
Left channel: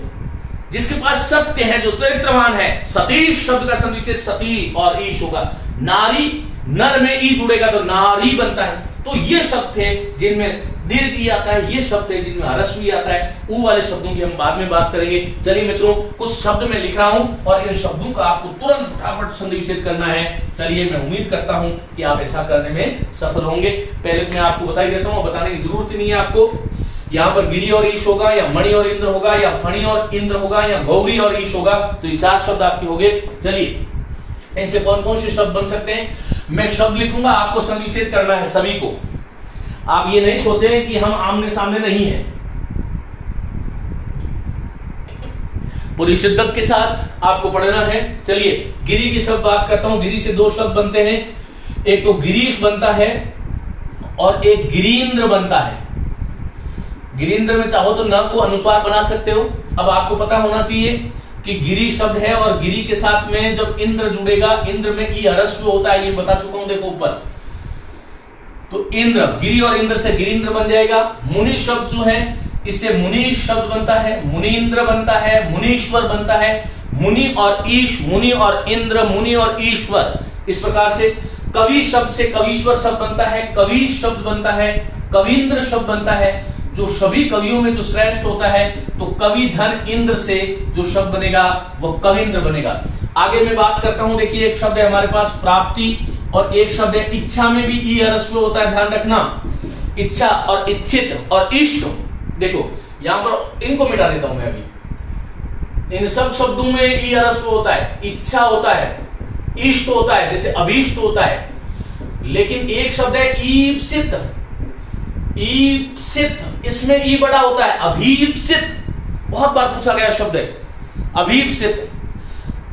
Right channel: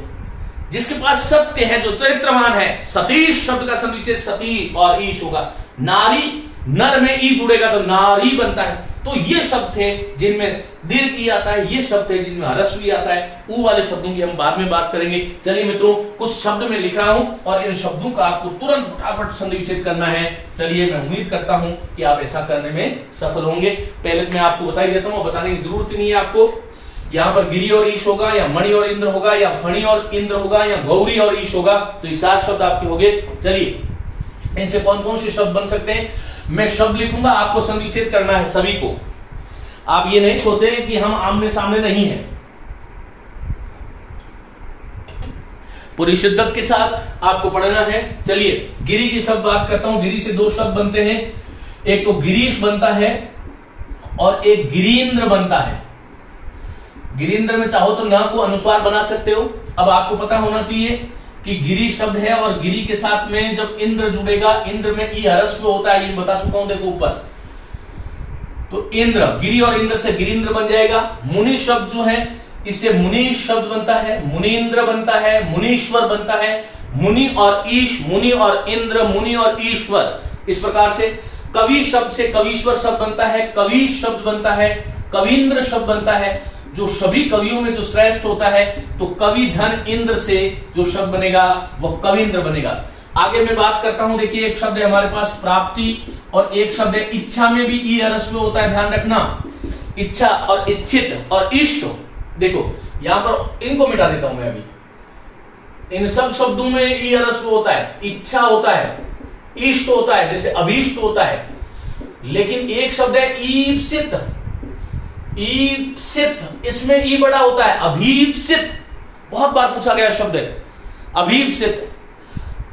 जिसके पास सत्य है, जो चरित्रवान है। सतीश शब्द का संधि विच्छेद सती और ईश होगा। नारी, नर में ई जुड़ेगा तो नारी बनता है। तो ये शब्द थे जिनमें दीर्घ ई आता है, ये शब्द है जिनमें ह्रस्व ई आता है। ऊ वाले शब्दों की हम बाद में बात करेंगे। चलिए मित्रों, कुछ शब्द में लिख रहा हूं और इन शब्दों का आपको तुरंत फटाफट संधि विच्छेद करना है। चलिए, मैं उम्मीद करता हूं कि आप ऐसा करने में सफल होंगे। पहले मैं आपको बता ही देता हूं, बताने की जरूरत ही नहीं है आपको। यहां पर गिरी और ईश होगा, या मणि और इंद्र होगा, या फणी और इंद्र होगा, या गौरी और ईश होगा। तो ये 4 शब्द आपके हो गए। चलिए, ऐसे कौन कौन से शब्द बन सकते हैं? मैं शब्द लिखूंगा, आपको संविच्छेद करना है सभी को। आप ये नहीं सोचें कि हम आमने सामने नहीं है। पूरी शिद्दत के साथ आपको पढ़ना है। चलिए गिरी की शब्द बात करता हूं। गिरी से दो शब्द बनते हैं, एक तो गिरीश बनता है और एक गिरीन्द्र बनता है। गिरीन्द्र में चाहो तो न को अनुस्वार बना सकते हो। अब आपको पता होना चाहिए कि गिरी शब्द है और गिरी के साथ में जब इंद्र जुड़ेगा, इंद्र में ई हरस्व होता है, ये बता चुका हूं देखो ऊपर। तो इंद्र, गिरी और इंद्र से गिरीन्द्र बन जाएगा। मुनि शब्द जो है इससे मुनीश शब्द बनता है, मुनीन्द्र बनता है, मुनीश्वर बनता है। मुनि और ईश, मुनि और इंद्र, मुनि और ईश्वर, इस प्रकार से। कवि शब्द से कवीश्वर शब्द बनता है, कवि शब्द बनता है, कवीन्द्र शब्द बनता है। जो सभी कवियों में जो श्रेष्ठ होता है, तो कवि धन इंद्र से जो शब्द बनेगा वह कवीन्द्र बनेगा। आगे मैं बात करता हूं, देखिए एक शब्द है हमारे पास प्राप्ति और एक शब्द है इच्छा में भी ई हरस्व होता है, ध्यान रखना। इच्छा और इच्छित और इष्ट, देखो यहां पर इनको मिटा देता हूं मैं अभी। इन सब शब्दों में ई हरस्व होता है, इच्छा होता है, इष्ट होता है, जैसे अभीष्ट होता है। लेकिन एक शब्द है ईप्सित, ईप्सित, इसमें ई बड़ा होता है, अभीप्सित, बहुत बार पूछा गया शब्द है अभीप्सित।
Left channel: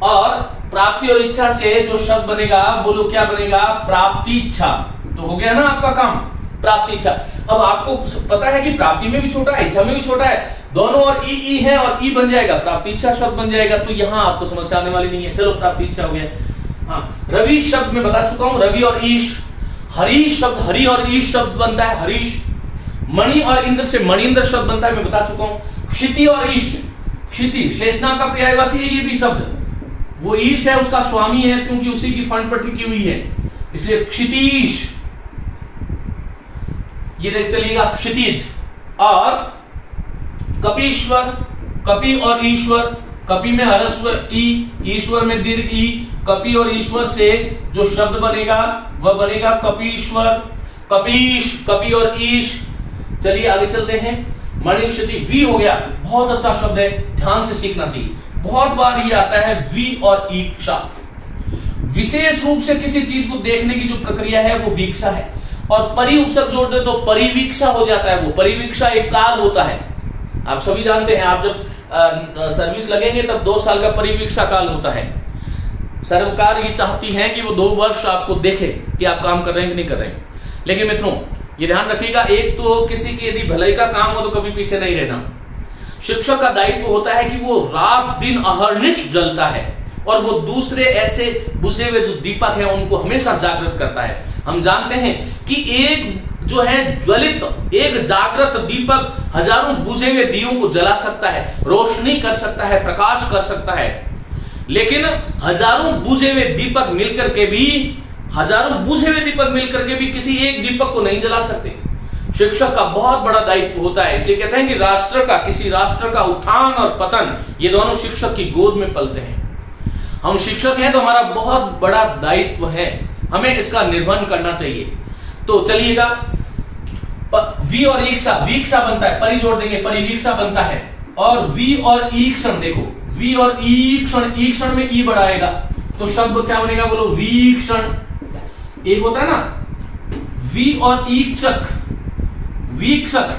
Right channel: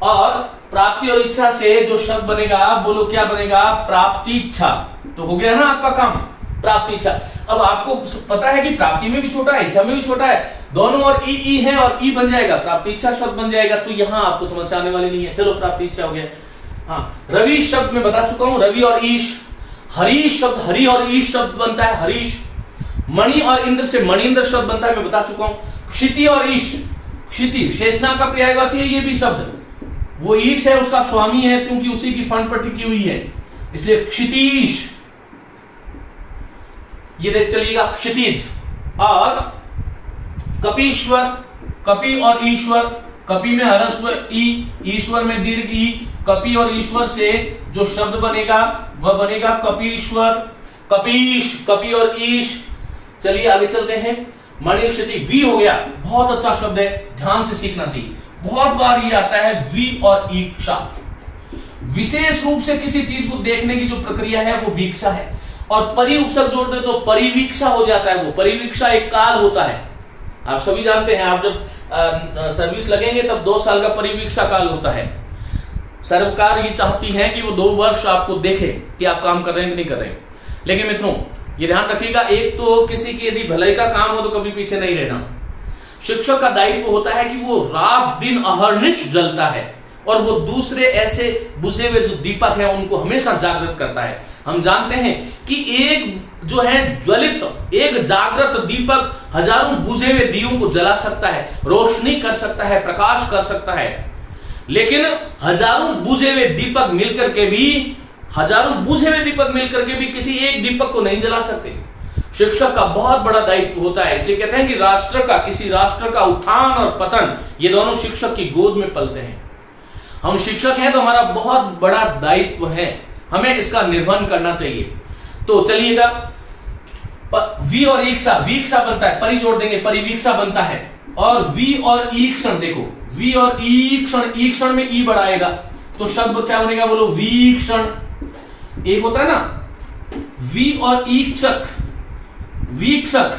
और प्राप्ति और इच्छा से जो शब्द बनेगा, बोलो क्या बनेगा, प्राप्ति इच्छा। तो हो गया ना आपका काम, प्राप्ति इच्छा। अब आपको पता है कि प्राप्ति में भी छोटा है, इच्छा में भी छोटा है, दोनों और ई है और ई बन जाएगा, प्राप्ति इच्छा शब्द बन जाएगा। तो यहां आपको समस्या आने वाली नहीं है। चलो प्राप्ति इच्छा हो गया। हाँ, रवि शब्द में बता चुका हूं, रवि और ईश। हरीश शब्द, हरि और ईश शब्द बनता है, हरीश। मणि और इंद्र से मणिन्द्र शब्द बनता है, मैं बता चुका हूं। क्षिति और ईश, क्षिति शेषनाग का पर्यायवाची है ये भी शब्द। वो ईश है, उसका स्वामी है, क्योंकि उसी की फंड पर टिकी हुई है, इसलिए क्षितीश। ये देख चलिएगा क्षितिज। और कपीश्वर, कपि और ईश्वर, कपि में हरस्व ई, ईश्वर में दीर्घ ई। कपि और ईश्वर से जो शब्द बनेगा वह बनेगा कपीश्वर, कपीश, कपि और ईश। चलिए आगे चलते हैं। मणि क्षिति, वी हो गया, बहुत अच्छा शब्द है, ध्यान से सीखना चाहिए, बहुत बार ये आता है। वी और ईक्षा, विशेष रूप से किसी चीज को देखने की जो प्रक्रिया है वो वीक्षा है। और परि उपसर्ग जोड़ दे तो परिवीक्षा हो जाता है। वो परिवीक्षा एक काल होता है, आप सभी जानते हैं। आप जब सर्विस लगेंगे तब 2 साल का परिवीक्षा काल होता है। सरकार ये चाहती है कि वो 2 वर्ष आपको देखे कि आप काम कर रहे हैं कि नहीं कर रहे हैं। लेकिन मित्रों ये ध्यान रखिएगा, एक तो किसी की यदि भलाई का काम हो तो कभी पीछे नहीं रहना। शिक्षक का दायित्व होता है कि वो रात दिन अहर्निश जलता है और वो दूसरे ऐसे बुझे हुए जो दीपक है उनको हमेशा जागृत करता है। हम जानते हैं कि एक जो है ज्वलित, एक जागृत दीपक हजारों बुझे हुए दियों को जला सकता है, रोशनी कर सकता है, प्रकाश कर सकता है। लेकिन हजारों बुझे हुए दीपक मिलकर के भी, हजारों बुझे हुए दीपक मिलकर के भी किसी एक दीपक को नहीं जला सकते। शिक्षक का बहुत बड़ा दायित्व होता है। इसलिए कहते हैं कि राष्ट्र का, किसी राष्ट्र का उत्थान और पतन ये दोनों शिक्षक की गोद में पलते हैं। हम शिक्षक हैं तो हमारा बहुत बड़ा दायित्व है, हमें इसका निर्वहन करना चाहिए। तो चलिएगा, वी और ईक्षा, वीक्षा बनता है, परि जोड़ देंगे, परिवीक्षा बनता है। और वी और ईक्षण, देखो वी और ईक्षण, ईक्षण में ई बढ़ाएगा तो शब्द क्या बनेगा, बोलो वीक्षण। एक होता है ना वी और ईक्षक, वीक्षक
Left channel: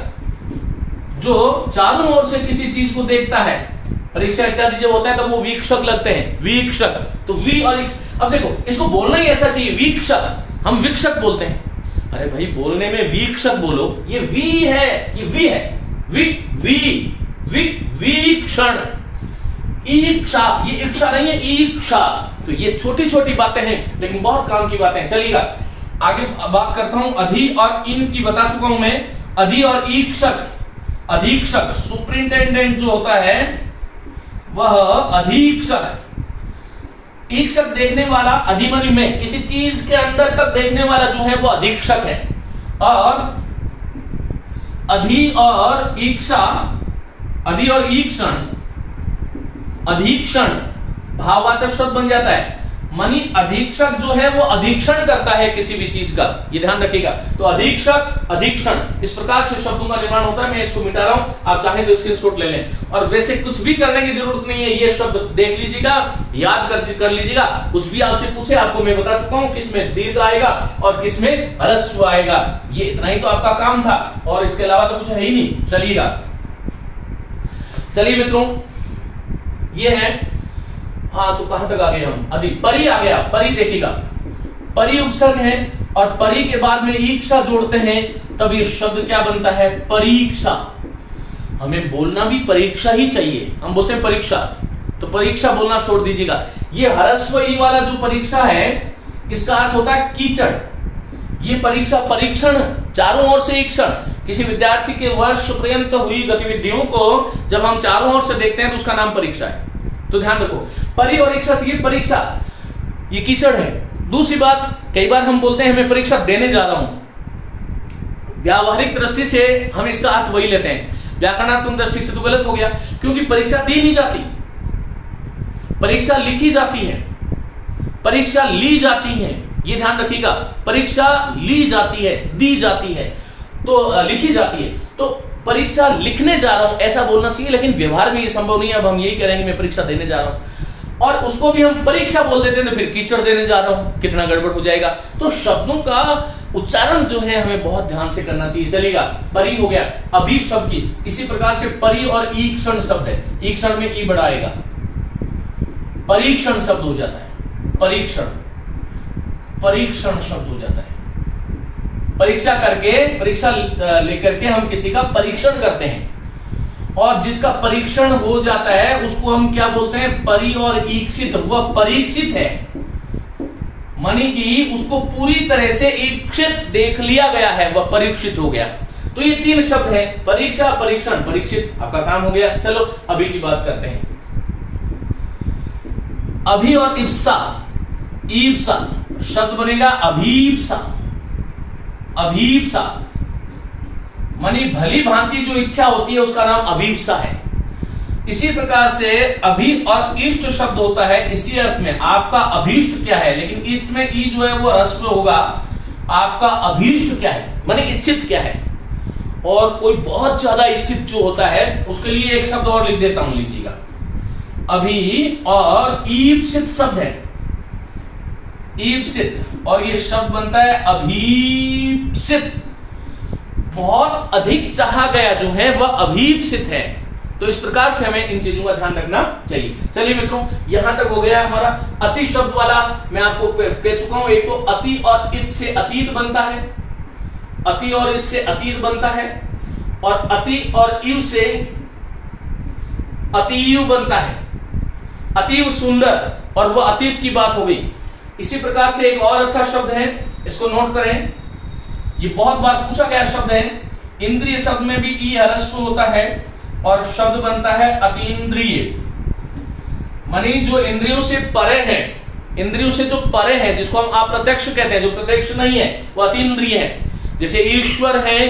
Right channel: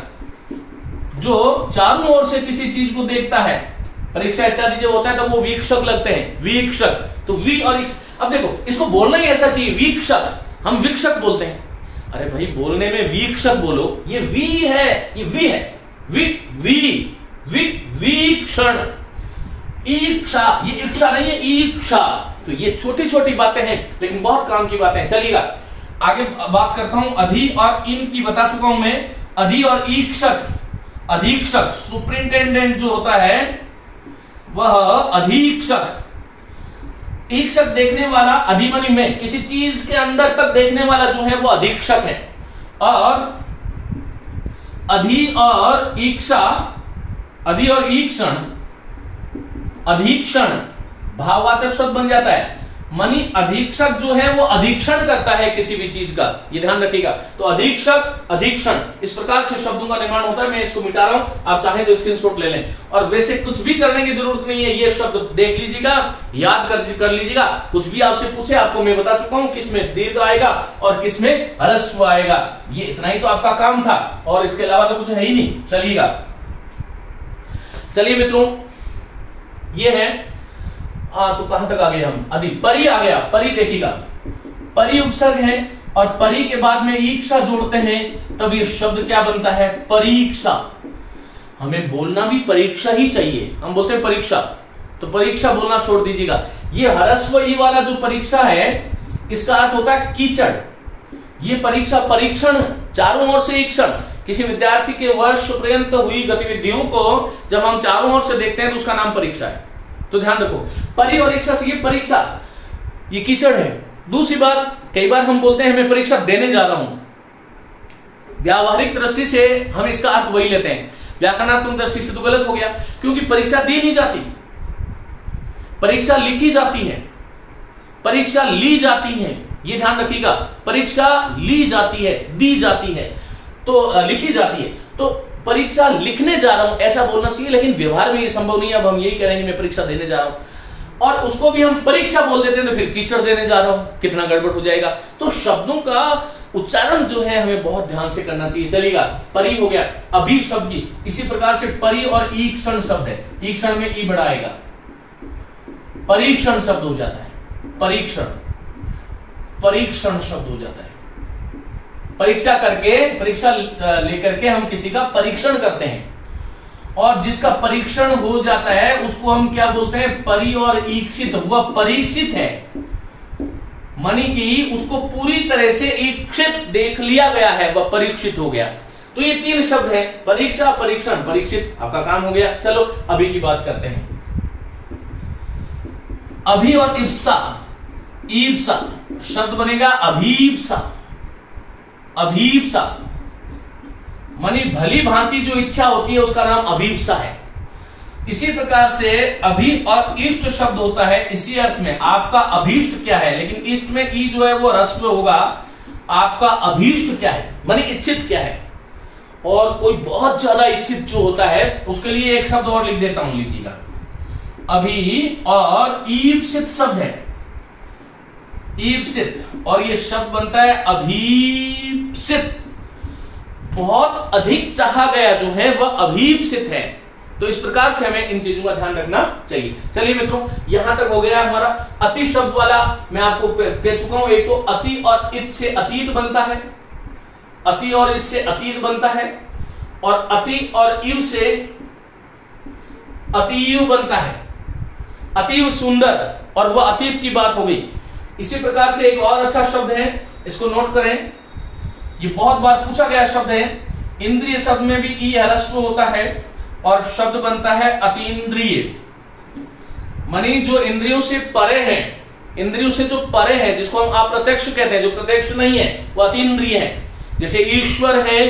जो चारों ओर से किसी चीज को देखता है, परीक्षा इत्यादि जब होता है तब वो वीक्षक लगते हैं, वीक्षक। तो वी और अब देखो इसको बोलना ही ऐसा चाहिए, वीक्षक, हम वीक्षक बोलते हैं। अरे भाई बोलने में वीक्षक बोलो, ये वी है, ये वी है, वी वी वी वीक्षण। ईक्षा, ये इच्छा नहीं है, ईक्षा। तो ये छोटी छोटी बातें हैं लेकिन बहुत काम की बातें हैं। चलिएगा आगे बात करता हूं। अधि और इन की बता चुका हूं मैं। अधि और ईक्षक, अधीक्षक, सुपरिंटेंडेंट जो होता है वह अधीक्षक। ईक्षक देखने वाला, अधिमनि में किसी चीज के अंदर तक देखने वाला जो है वो अधीक्षक है। और अधि और ईक्षा, अधि और ईक्षण, अधीक्षण भाववाचक शब्द बन जाता है। मानी अधीक्षक जो है वो अधीक्षण करता है किसी भी चीज का, ये ध्यान रखिएगा। तो अधीक्षक, अधीक्षण, इस प्रकार से शब्दों का निर्माण होता है। मैं इसको मिटा रहा हूं, आप चाहें तो स्क्रीनशॉट ले लें। और वैसे कुछ भी करने की जरूरत नहीं है, ये शब्द देख लीजिएगा, याद कर लीजिएगा। कुछ भी आपसे पूछे, आपको मैं बता चुका हूं किसमें दीर्घ आएगा और किसमें ह्रस्व आएगा। ये इतना ही तो आपका काम था, और इसके अलावा तो कुछ है ही नहीं। चलिए मित्रों, ये है तो कहां तक आ गए हम? परी आ गया। परी देखिएगा, परी उपसर्ग है और परी के बाद में ईक्षा जोड़ते हैं, तब ये शब्द क्या बनता है? परीक्षा। हमें बोलना भी परीक्षा ही चाहिए, हम बोलते हैं परीक्षा, तो परीक्षा बोलना छोड़ दीजिएगा। ये ह्रस्व ई वाला जो परीक्षा है, इसका अर्थ होता है कीचड़। ये परीक्षा, परीक्षण, चारों ओर से ईक्षण। किसी विद्यार्थी के वर्ष पर्यंत हुई गतिविधियों को जब हम चारों ओर से देखते हैं तो उसका नाम परीक्षा है। तो ध्यान रखो, परी और इच्छा से ये परीक्षा, ये कीचड़ है। दूसरी बात, कई बार हम बोलते हैं मैं परीक्षा देने जा रहा हूं। व्यावहारिक दृष्टि से हम इसका अर्थ वही लेते हैं, व्याकरणात्मक दृष्टि से तो गलत हो गया, क्योंकि परीक्षा दी नहीं जाती, परीक्षा लिखी जाती है, परीक्षा ली जाती है। ये ध्यान रखिएगा, परीक्षा ली जाती है, दी जाती है, तो लिखी जाती है। तो परीक्षा लिखने जा रहा हूं ऐसा बोलना चाहिए, लेकिन व्यवहार में ये संभव नहीं है। अब हम यही कह रहे हैं मैं परीक्षा देने जा रहा हूं, और उसको भी हम परीक्षा बोल देते हैं तो फिर कीचड़ देने जा रहा हूं, कितना गड़बड़ हो जाएगा। तो शब्दों का उच्चारण जो है हमें बहुत ध्यान से करना चाहिए। चलेगा, परी हो गया। अभी शब्द की इसी प्रकार से परी और ईक्षण शब्द है, ईक्षण में ई बड़ा आएगा, परीक्षण शब्द हो जाता है, परीक्षण, परीक्षण शब्द हो जाता है। परीक्षा करके, परीक्षा लेकर के हम किसी का परीक्षण करते हैं, और जिसका परीक्षण हो जाता है उसको हम क्या बोलते हैं? परी और ईक्षित। वह परीक्षित है, मानी कि उसको पूरी तरह से ईक्षित देख लिया गया है, वह परीक्षित हो गया। तो ये तीन शब्द हैं, परीक्षा, परीक्षण, परीक्षित। आपका काम हो गया। चलो अभी की बात करते हैं। अभी और इप्सा, ईप्सा शब्द बनेगा अभीप्सा, अभीप्सा मानी भली भांति जो इच्छा होती है उसका नाम अभीप्सा है। इसी प्रकार से अभी और इष्ट शब्द होता है इसी अर्थ में, आपका अभीष्ट क्या है, लेकिन इष्ट में ई जो है वो ह्रस्व होगा। आपका अभीष्ट क्या है, मानी इच्छित क्या है। और कोई बहुत ज्यादा इच्छित जो होता है उसके लिए एक शब्द और लिख देता हूं, लीजिएगा। अभी और ईप्सित शब्द है, ईप्सित, और ये शब्द बनता है अभीप्सित। बहुत अधिक चाहा गया जो है वह अभीप्सित है। तो इस प्रकार से हमें इन चीजों का ध्यान रखना चाहिए। चलिए मित्रों, यहां तक हो गया हमारा अति शब्द वाला। मैं आपको कह चुका हूं, एक तो अति और इत से अतीत बनता है, अति और इससे अतीत बनता है, और अति और इव से अतियु बनता है, अतीव सुंदर, और वह अतीत की बात हो गई। इसी प्रकार से एक और अच्छा शब्द है, इसको नोट करें, ये बहुत बार पूछा गया शब्द है। इंद्रिय शब्द में भी ई ह्रस्व होता है और शब्द बनता है अतीन्द्रिय। मानी जो इंद्रियों से परे है, इंद्रियों से जो परे है, जिसको हम अप्रत्यक्ष कहते हैं, जो प्रत्यक्ष नहीं है वो अतीन्द्रिय है। जैसे ईश्वर है,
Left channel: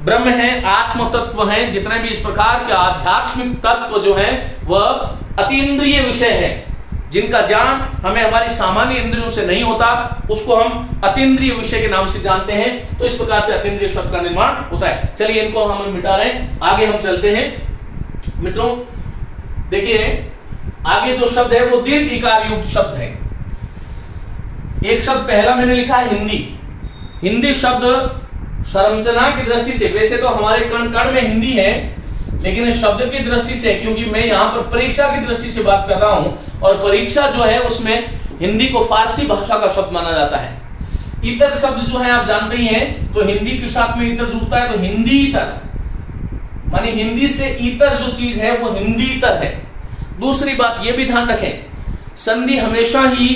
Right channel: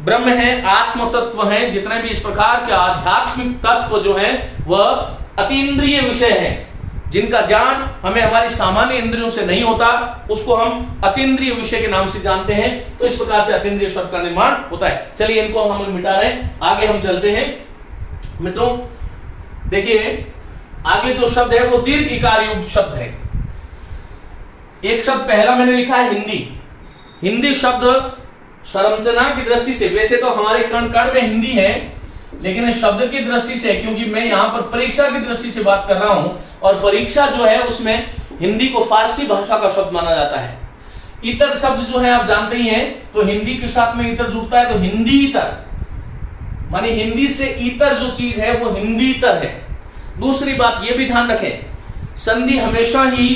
ब्रह्म है, आत्म तत्व है, जितने भी इस प्रकार के आध्यात्मिक तत्व जो है वह अतीन्द्रिय विषय है, जिनका ज्ञान हमें हमारी सामान्य इंद्रियों से नहीं होता, उसको हम अतीन्द्रिय विषय के नाम से जानते हैं। तो इस प्रकार से अतीन्द्रिय शब्द का निर्माण होता है। चलिए इनको हम मिटा रहे हैं, आगे हम चलते हैं। मित्रों देखिए, आगे जो शब्द है वो दीर्घ इकार युक्त शब्द है। एक शब्द पहला मैंने लिखा है हिंदी। हिंदी शब्द संरचना की दृष्टि से, वैसे तो हमारे कण कण में हिंदी है, लेकिन शब्द की दृष्टि से, क्योंकि मैं यहां पर परीक्षा की दृष्टि से बात कर रहा हूं, और परीक्षा जो है उसमें हिंदी को फारसी भाषा का शब्द माना जाता है। इतर शब्द जो है आप जानते ही हैं, तो हिंदी के साथ में इतर जुड़ता है, तो हिंदी इतर, मानी हिंदी से इतर जो चीज है वो हिंदी इतर है। दूसरी बात ये भी ध्यान रखें, संधि हमेशा ही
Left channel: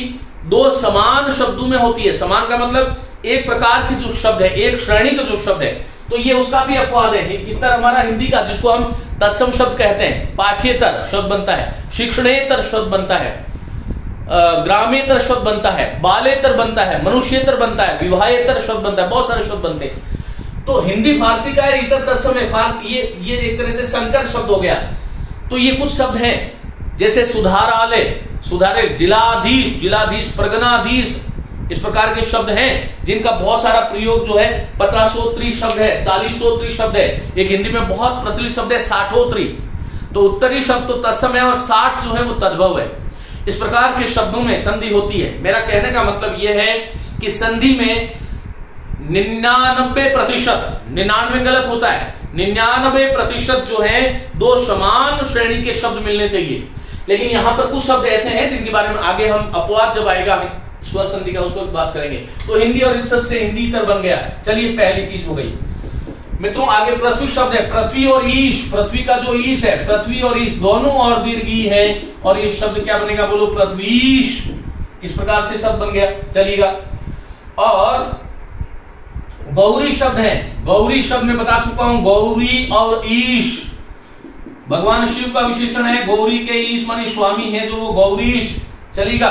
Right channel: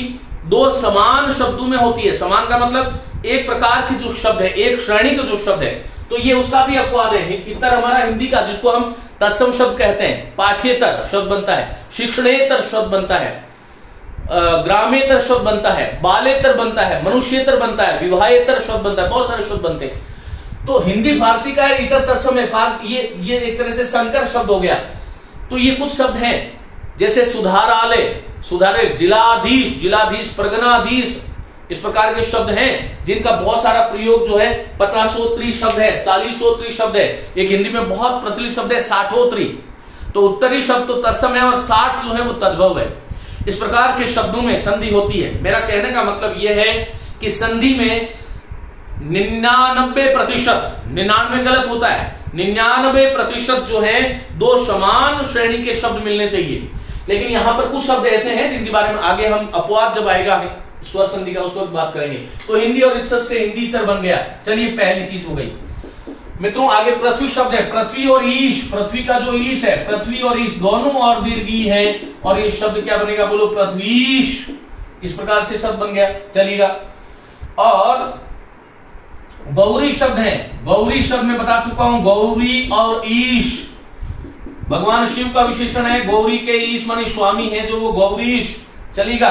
दो समान शब्दों में होती है। समान का मतलब एक प्रकार की जो शब्द है, एक श्रेणी का जो शब्द है, तो ये उसका भी अपवाद है। इतर हमारा हिंदी का, जिसको हम तत्सम शब्द कहते हैं, पाठ्येतर शब्द बनता है, शिक्षणेतर शब्द बनता है, ग्रामेतर शब्द बनता है, बालेतर बनता है, मनुष्येतर बनता है, विवाहेतर शब्द बनता है, बहुत सारे शब्द बनते हैं। तो हिंदी फारसी का है, इतर तत्सम है, फारसी ये एक तरह से संकर शब्द हो गया। तो ये कुछ शब्द हैं, जैसे सुधारालय, सुधारे, जिलाधीश, जिलाधीश, परगनाधीश, इस प्रकार के शब्द हैं जिनका बहुत सारा प्रयोग जो है 50 शब्द है, 40 शब्द है। एक हिंदी में बहुत प्रचलित शब्द है 60। तो उत्तरी शब्द तो तत्सम है और 60 जो है वो तद्भव है। इस प्रकार के शब्दों में संधि होती है। मेरा कहने का मतलब यह है कि संधि में 99%, 99 गलत होता है, 99% जो है दो समान श्रेणी के शब्द मिलने चाहिए। लेकिन यहां पर कुछ शब्द ऐसे हैं जिनके बारे में आगे हम अपवाद जब आएगा स्वर संधि का उस वक्त बात करेंगे। तो हिंदी और इज्जत से हिंदी इतर बन गया। चलिए पहली चीज हो गई मित्रों। आगे पृथ्वी शब्द है, पृथ्वी और ईश। पृथ्वी का जो ईश है, पृथ्वी और ईश दोनों और दीर्घी है और ये शब्द क्या बनेगा, बोलो पृथ्वीश। इस प्रकार से शब्द बन गया, चलिएगा। और गौरी शब्द है, गौरी शब्द में बता चुका हूं, गौरी और ईश भगवान शिव का विशेषण है। गौरी के ईश मानी स्वामी है जो वो गौरीश, चलिएगा।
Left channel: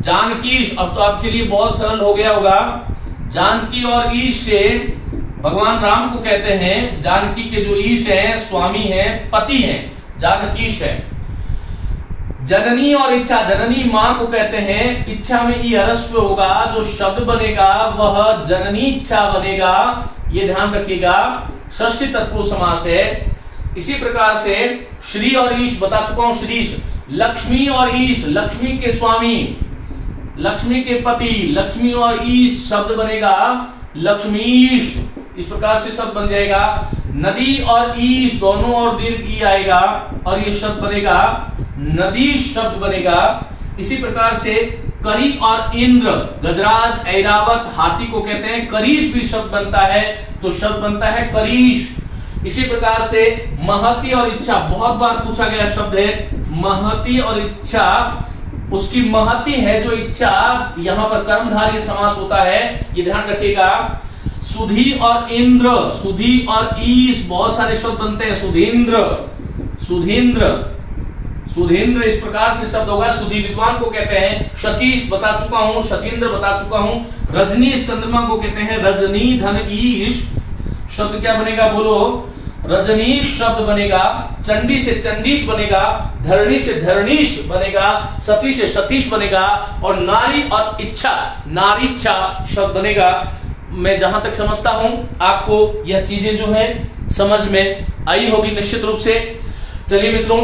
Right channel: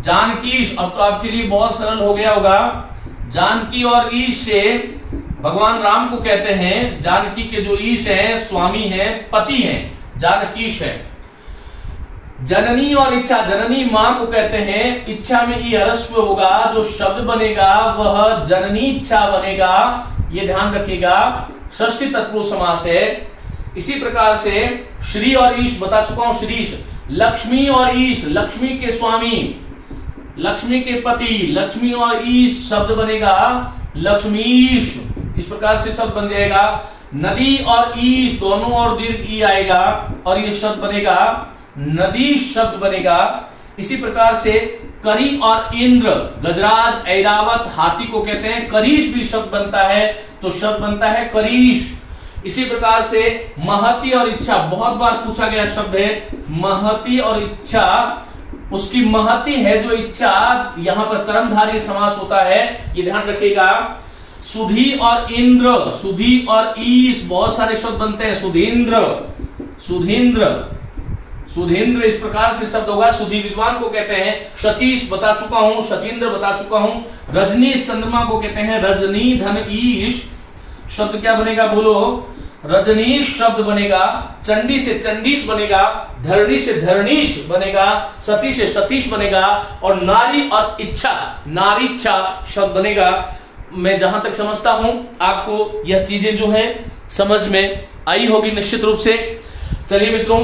जानकीश, अब तो आपके लिए बहुत सरल हो गया होगा। जानकी और ईश से भगवान राम को कहते हैं, जानकी के जो ईश है स्वामी है, पति है, जानकीश है। जननी और इच्छा, जननी मां को कहते हैं, इच्छा में ई ह्रस्व होगा, जो शब्द बनेगा वह जननी इच्छा बनेगा, ये ध्यान रखिएगा। षष्ठी तत्पुरुष समास है। इसी प्रकार से श्री और ईश बता चुका हूं, श्रीश। लक्ष्मी और ईश, लक्ष्मी के स्वामी, लक्ष्मी के पति, लक्ष्मी और ईश शब्द बनेगा लक्ष्मीश। इस प्रकार से शब्द बन जाएगा। नदी और ईश दोनों और दीर्घ ई आएगा और ये शब्द बनेगा नदी शब्द बनेगा। इसी प्रकार से करी और इंद्र, गजराज, ऐरावत, हाथी को कहते हैं, करीश भी शब्द बनता है तो शब्द बनता है करीश। इसी प्रकार से महती और इच्छा, बहुत बार पूछा गया शब्द है महती और इच्छा। उसकी महती है जो इच्छा, यहां पर कर्मधारय समास होता है, ये ध्यान रखिएगा। सुधी और इंद्र, सुधी और ईश बहुत सारे शब्द बनते हैं, सुधींद्र, सुधींद्र, सुधींद्र, इस प्रकार से शब्द होगा। सुधी विद्वान को कहते हैं, शचीश बता चुका हूं, शचींद्र बता चुका हूं। रजनीश चंद्रमा को कहते हैं, रजनी धन ईश शब्द क्या बनेगा, बोलो रजनीश शब्द बनेगा। चंडी से चंडीश बनेगा, धरणी से धरणीश बनेगा, सती से सतीश बनेगा और नारी और इच्छा, नारीच्छा शब्द बनेगा। मैं जहां तक समझता हूं आपको यह चीजें जो है समझ में आई होगी निश्चित रूप से। चलिए मित्रों,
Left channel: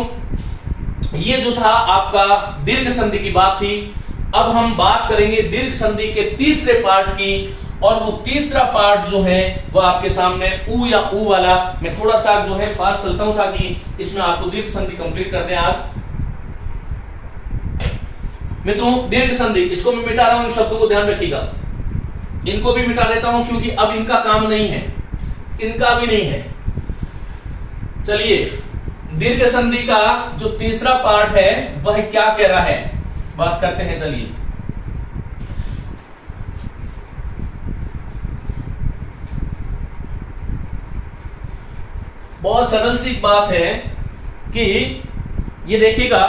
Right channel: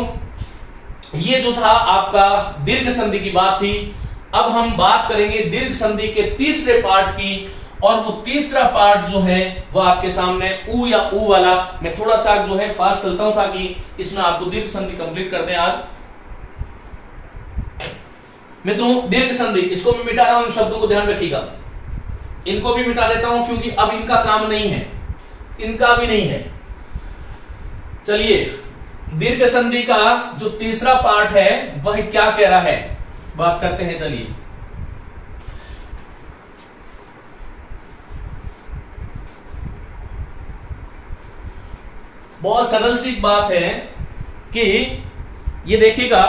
ये जो था आपका दीर्घ संधि की बात थी। अब हम बात करेंगे दीर्घ संधि के तीसरे पार्ट की, और वो तीसरा पार्ट जो है वो आपके सामने ऊ या ऊ वाला। मैं थोड़ा सा जो है फास्ट चलता हूं ताकि इसमें आपको दीर्घ संधि कंप्लीट कर दें आज। मित्रों दीर्घ संधि, इसको मैं मिटा रहा हूं, इन शब्दों को ध्यान रखिएगा। इनको भी मिटा देता हूं क्योंकि अब इनका काम नहीं है, इनका भी नहीं है। चलिए दीर्घ संधि का जो तीसरा पार्ट है वह क्या कह रहा है, बात करते हैं। चलिए बहुत सरल सी बात है कि ये देखिएगा,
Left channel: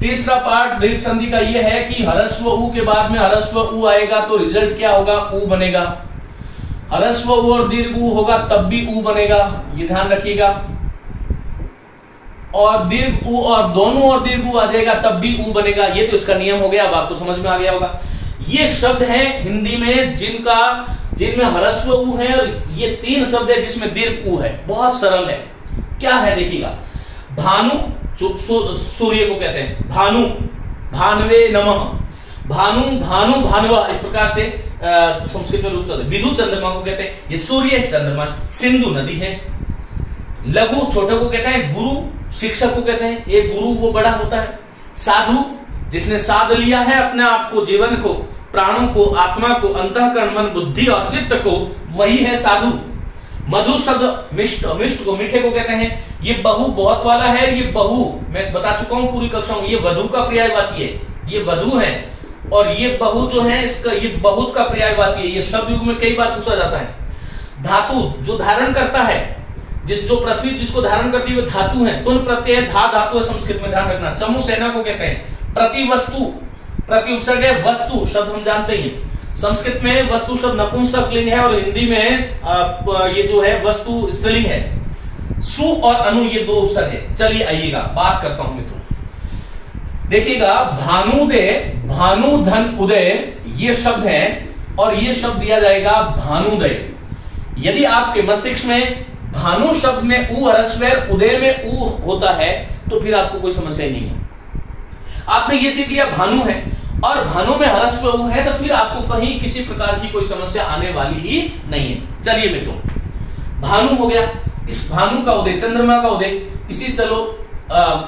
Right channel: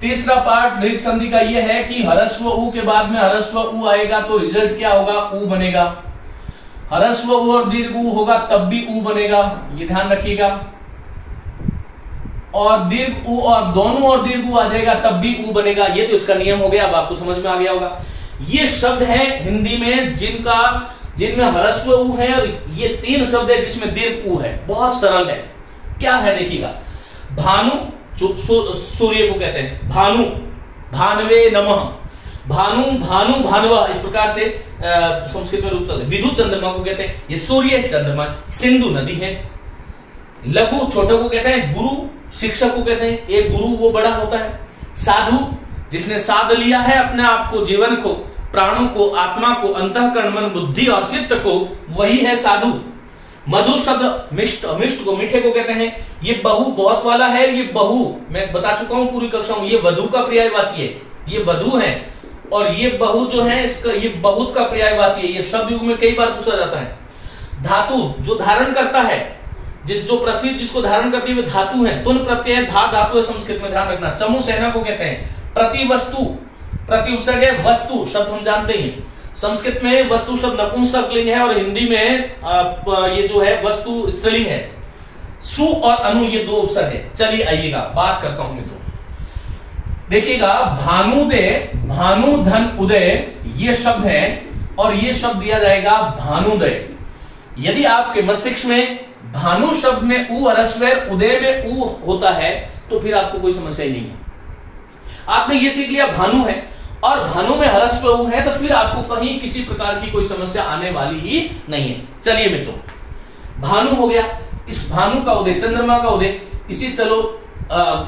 तीसरा पार्ट दीर्घ संधि का यह है कि ह्रस्व ऊ के बाद में ह्रस्व ऊ आएगा तो रिजल्ट क्या होगा, ऊ बनेगा। ह्रस्व ऊ और दीर्घ ऊ होगा तब भी ऊ बनेगा, ये ध्यान रखिएगा। और दीर्घ ऊ और दोनों और दीर्घ ऊ आ जाएगा तब भी ऊ बनेगा। ये तो इसका नियम हो गया, अब आपको समझ में आ गया होगा। ये शब्द है हिंदी में जिनमें ह्रस्व ऊ है, और ये 3 शब्द है जिसमें दीर्घ ऊ है। बहुत सरल है, क्या है देखिएगा। भानु, सूर्य को कहते हैं भानु, भानवे नमः, भानु, भानु, भानुवा, इस प्रकार से संस्कृत में रूप चलते। विदु चंद्रमा को कहते हैं, ये सूर्य चंद्रमा। सिंधु नदी है। लघु छोटे को कहते हैं, गुरु शिक्षक को कहते हैं, ये गुरु वो बड़ा होता है। साधु जिसने साध लिया है अपने आप को, जीवन को, प्राणों को, आत्मा को, अंतःकरण, मन, बुद्धि और चित्त को, वही है साधु। मधु शब्द मिष्ट, मिष्ट को, मीठे को कहते हैं। ये बहु बहुत वाला है, ये बहु मैं बता चुका हूं पूरी कक्षा में, ये वधु का पर्यायवाची है, ये वधु है। और ये बहु जो है इसका ये बहुत का पर्यायवाची है। ये शब्द युग में कई बार पूछा जाता है। धातु जो धारण करता है, जो पृथ्वी जिसको धारण करती है वो धातु है। तुन प्रत्यय धा धातु है संस्कृत में, ध्यान रखना। चमु सेना को कहते हैं। प्रति वस्तु, प्रति उपसर्ग है, वस्तु शब्द हम जानते हैं। संस्कृत में वस्तु शब्द नपुंसक लिंग है और हिंदी में ये जो है वस्तु स्त्रीलिंग है। सु और अनु ये 2 उपसर्ग है। चलिए आइएगा बात करता हूं मित्रों। देखिएगा, भानुदय, भानु धन उदय ये शब्द है और ये शब्द दिया जाएगा भानुदय। यदि आपके मस्तिष्क में भानु शब्द में ऊ ह्रस्व उदय में ऊ होता है तो फिर आपको कोई समस्या नहीं है। आपने ये सीख लिया भानु है और भानु में ह्रस्व ऊ है तो फिर आपको कहीं किसी प्रकार की कोई समस्या आने वाली ही नहीं है। चलिए मित्रों, भानु हो गया, इस भानु का उदय, चंद्रमा का उदय, इसी चलो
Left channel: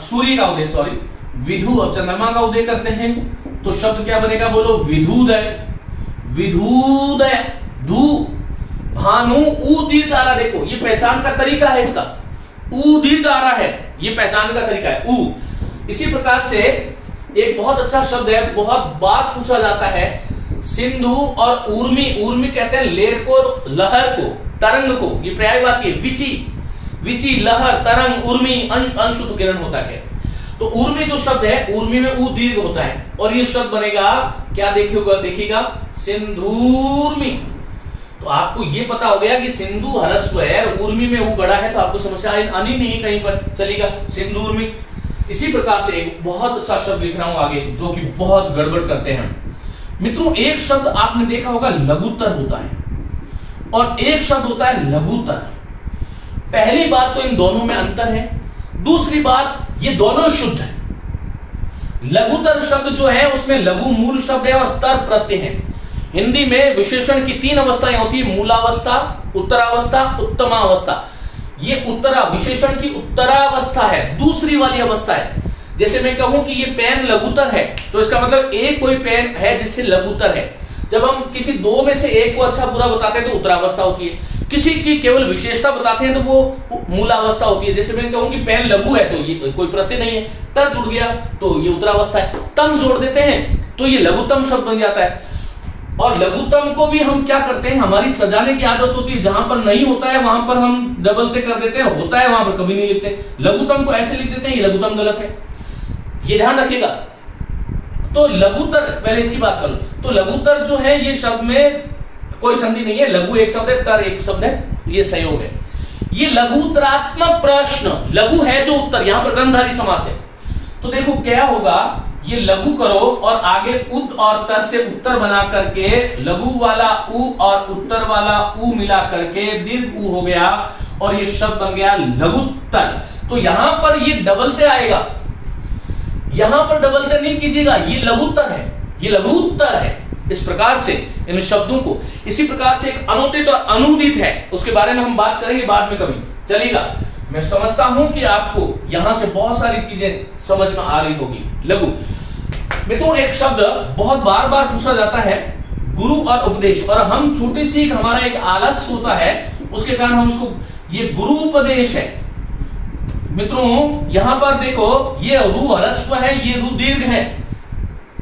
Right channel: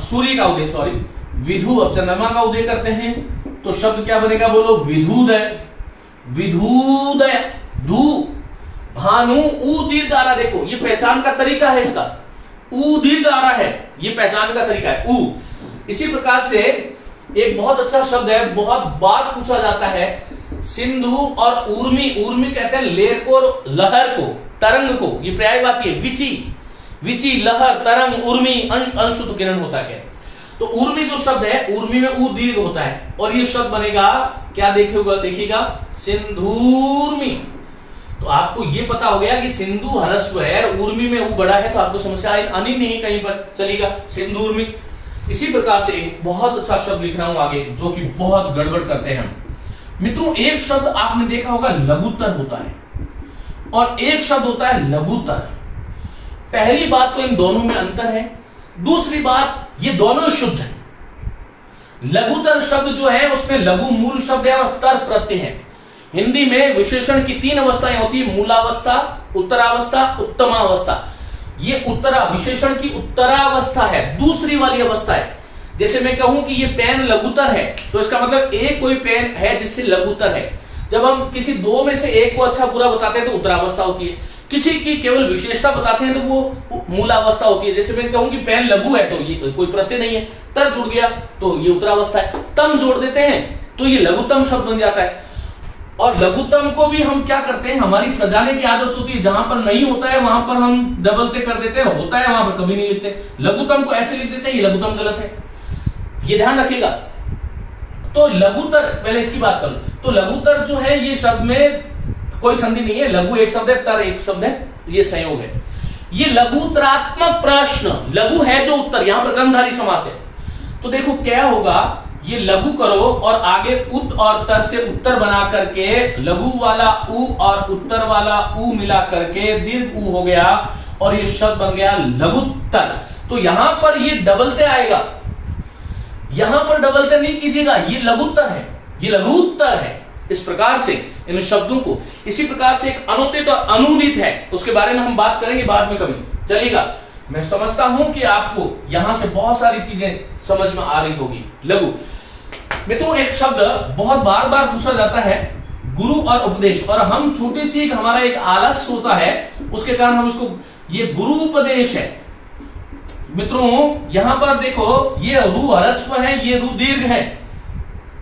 सूर्य का उदय, सॉरी विधु, अब चंद्रमा का उदय करते हैं तो शब्द क्या बनेगा, बोलो विधुदय। विधुदय, धू, भानु ऊ दीर्घ आ रहा, देखो ये पहचान का तरीका है इसका, ऊ दीर्घ आ रहा है, ये पहचान का तरीका है ऊ। इसी प्रकार से एक बहुत अच्छा शब्द है, बहुत बार पूछा जाता है, सिंधु और ऊर्मी। ऊर्मी कहते हैं लेर को, लहर को, तरंग को, ये पर्यायवाची है। विची, विची लहर, तरंग, ऊर्मी अंशुत किरण होता है। तो ऊर्मी जो शब्द है, ऊर्मी में ऊ दीर्घ होता है और ये शब्द बनेगा क्या, देखिएगा सिंधूर्मी। तो आपको ये पता हो गया कि सिंधु ह्रस्व है, ऊर्मी में ऊ बड़ा है, तो आपको समस्या आनी नहीं कहीं पर, चलेगा सिंधूर्मी। इसी प्रकार से एक बहुत अच्छा शब्द लिख रहा हूं आगे, जो कि बहुत गड़बड़ करते हैं मित्रों। एक शब्द आपने देखा होगा लघुत्तर होता है और एक शब्द होता है लघुत्तर। पहली बात तो इन दोनों में अंतर है, दूसरी बात ये दोनों शुद्ध है। लघुत्तर शब्द जो है उसमें लघु मूल शब्द है और तर प्रत्यय है। हिंदी में विशेषण की 3 अवस्थाएं होती है, मूलावस्था, उत्तरावस्था, उत्तमावस्था। ये उत्तरा, विशेषण की उत्तरावस्था है, दूसरी वाली अवस्था है। जैसे मैं कहूं कि ये पेन लघुत्तर है तो इसका मतलब एक कोई पेन है जिससे लघुत्तर है। जब हम किसी दो में से एक को अच्छा बुरा बताते हैं तो उत्तरावस्था होती है, किसी की केवल विशेषता बताते हैं तो वो मूलावस्था होती है। जैसे मैं कहूं कि पेन लघु है तो ये कोई प्रत्यय नहीं है, तर जुड़ गया तो ये उत्तरावस्था है, तम जोड़ देते हैं तो ये लघुत्तम शब्द बन जाता है। और लघुत्तम को भी हम क्या करते हैं, हमारी सजाने की आदत होती है, जहां पर नहीं होता है वहां पर हम डबलते कर देते हैं, होता है वहां पर कभी नहीं लिखते। लघुत्तम को ऐसे लिख देते हैं, ये लघुत्तम गलत है, ये ध्यान रखिएगा। तो लघुत्तर, पहले इसकी बात कर लो, तो लघुत्तर जो है ये शब्द में कोई संधि नहीं है, लघु एक शब्द है, तर एक शब्द है, ये संयोग है। ये लघुत्तरात्मक प्रश्न, लघु है जो उत्तर, यहां पर कर्मधारय समास है। तो देखो क्या होगा, ये लघु करो और आगे उत और तर से उत्तर बना करके लघु वाला उ और उत्तर वाला उ मिला करके दीर्घ उ हो गया और ये शब्द बन गया लघुत्तर। तो यहां पर ये डबलते आएगा, यहां पर डबलते नहीं कीजिएगा, ये लघुत्तर है, ये लघुत्तर है। इस प्रकार से इन शब्दों को, इसी प्रकार से एक अनुदित और अनुदित है, उसके बारे में हम बात करेंगे बाद में कभी, चलेगा। मैं समझता हूं कि आपको यहां से बहुत सारी चीजें समझ में आ रही होगी। लघु मित्रों, एक शब्द बहुत बार बार पूछा जाता है, गुरु और उपदेश, और हम छोटी सी हमारा एक आलस्य होता है, उसके कारण हम इसको, ये गुरु उपदेश है। मित्रों यहां पर देखो, ये रु ह्रस्व है, ये रु दीर्घ है,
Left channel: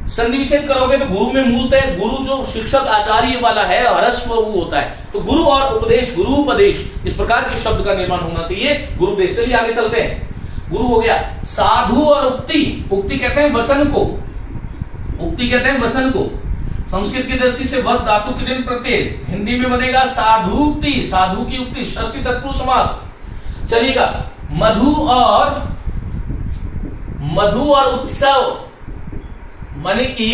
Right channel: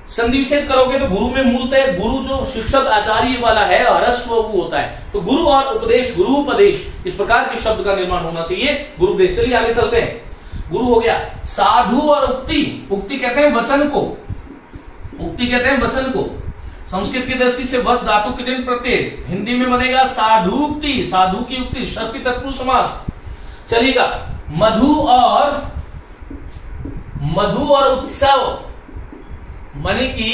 संधि विच्छेद करोगे तो गुरु में मूलतः गुरु जो शिक्षक आचार्य वाला है ह्रस्व वो होता है। तो गुरु और उपदेश, गुरु उपदेश, इस प्रकार के शब्द का निर्माण होना चाहिए, गुरु उपदेश। चलिए आगे चलते हैं। गुरु हो गया। साधु और उक्ति, उक्ति कहते हैं वचन को, उक्ति कहते हैं वचन को। संस्कृत की दृष्टि से वस धातु के दिन प्रत्यय, हिंदी में बनेगा साधुक्ति, साधु की उक्ति, षष्ठी तत्पुरुष समास। चलिएगा, मधु और उत्सव, माने कि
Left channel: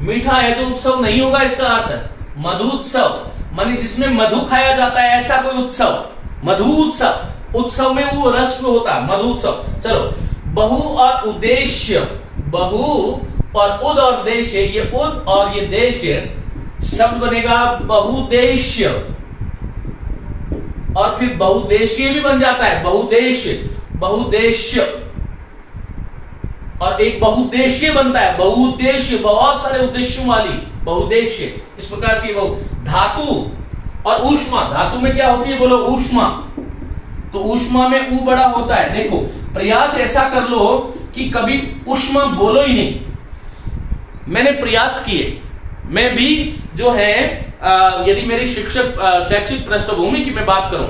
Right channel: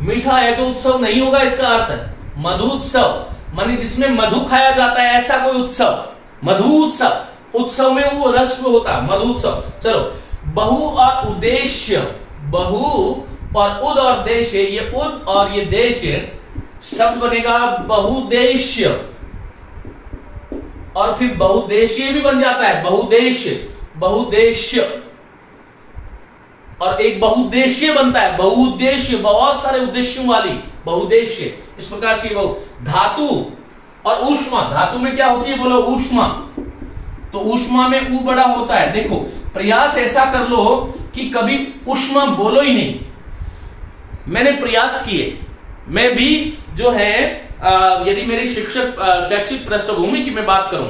मीठा है जो उत्सव नहीं होगा, इसका अर्थ है मधु उत्सव, माने जिसमें मधु खाया जाता है ऐसा कोई उत्सव, मधु उत्सव। उत्सव में वो रस्व होता है, मधु उत्सव। चलो, बहु और उद्देश्य, बहु और उद और देश, ये उद और ये देश शब्द बनेगा बहुदेश्य, और फिर बहुदेशीय भी बन जाता है, बहुदेश्य, बहुदेश्य, और एक बहुउद्देशीय बनता है, बहुउद्देशीय, बहुत सारे उद्देश्यों वाली, बहुउद्देशीय। इस प्रकार से बहु। धातु और ऊष्मा, धातु में क्या होती है, बोलो ऊष्मा, तो ऊष्मा में ऊ बड़ा होता है। देखो, प्रयास ऐसा कर लो कि कभी ऊष्मा बोलो ही नहीं। मैंने प्रयास किए, मैं भी जो है यदि मेरी शैक्षिक पृष्ठभूमि की मैं बात करूं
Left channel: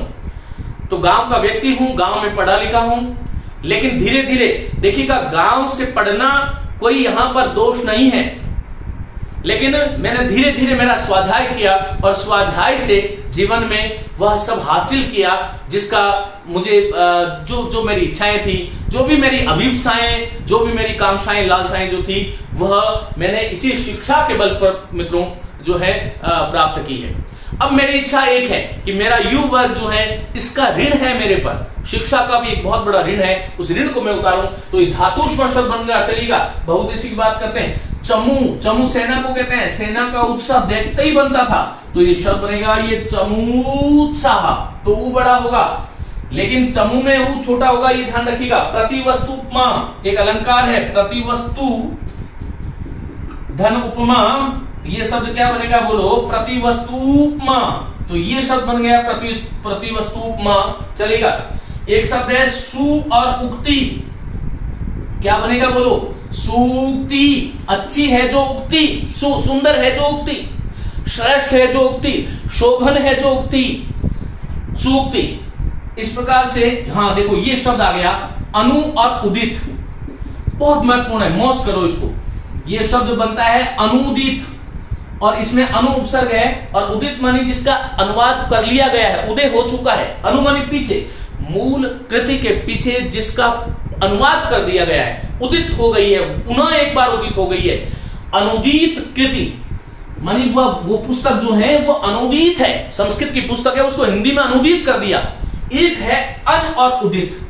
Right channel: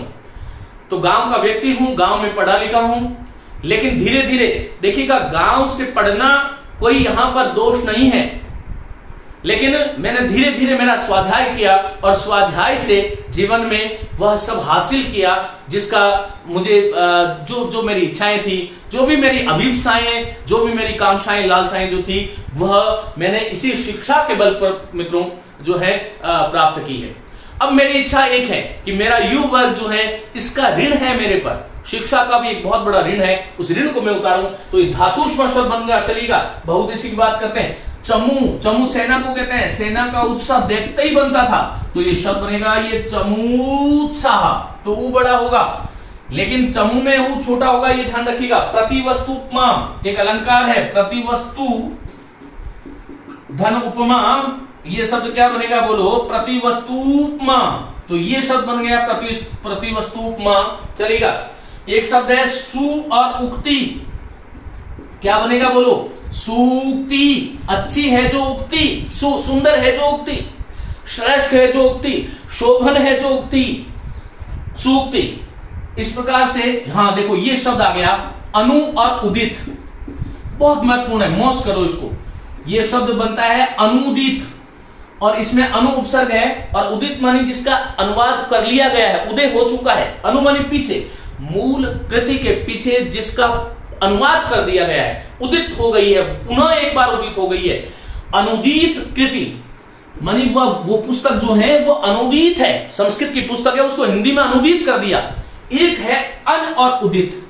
तो गांव का व्यक्ति हूं, गांव में पढ़ा लिखा हूं, लेकिन धीरे धीरे देखिएगा, गांव से पढ़ना कोई यहां पर दोष नहीं है, लेकिन मैंने धीरे धीरे मेरा स्वाध्याय किया और स्वाध्याय से जीवन में वह सब हासिल किया जिसका मुझे जो मेरी इच्छाएं थी, जो भी मेरी अभिप्साएं, जो भी मेरी कांक्षाएं, लालसाएं जो थी, वह मैंने इसी शिक्षा के बल पर मित्रों जो है प्राप्त की है। अब मेरी इच्छा एक है कि मेरा युवा वर्ग जो है इसका ऋण है मेरे पर, शिक्षा का भी एक बहुत बड़ा ऋण है, उस ऋण को मैं उतारूं। तो ये धातु शब्द बन गया, चलेगा। बहुउद्देशीय की बात करते हैं। चमू सेना को कहते हैं, सेना का उत्साह देखते ही बनता था, तो ये शब्द बनेगा ये चमूत्साह, तो ऊ बड़ा होगा, लेकिन चमू में ऊ छोटा होगा, ये ध्यान रखिएगा। प्रतिवस्तुपमा एक अलंकार है, प्रतिवस्तु धन उपमा, ये शब्द क्या बनेगा बोलो, प्रतिवस्तुपमा, तो ये शब्द बन गया प्रतिवस्तुपमा, चलेगा। एक शब्द है सु और उक्ति, क्या बनेगा बोलो, सूक्ति, अच्छी है जो उक्ति, सुंदर है जो उक्ति, श्रेष्ठ है जो उक्ति, शोभन है जो उक्ति, सूक्ति। इस प्रकार से हाँ देखो ये शब्द आ गया अनु और उदित, बहुत महत्वपूर्ण है, मौज करो इसको। ये शब्द बनता है अनुदित और इसमें अनु उपसर्ग है और उदित मानी जिसका अनुवाद कर लिया गया है, उदय हो चुका है। अनु मानी पीछे, मूल कृति के पीछे जिसका अनुवाद कर दिया गया है, उदित हो गई है, पुनः एक बार उदित हो गई है। अनुदित कृति मानी वो पुस्तक जो है वो अनुदित है, संस्कृत की पुस्तक है, उसको हिंदी में अनुदित कर दिया। एक है अन और उदित,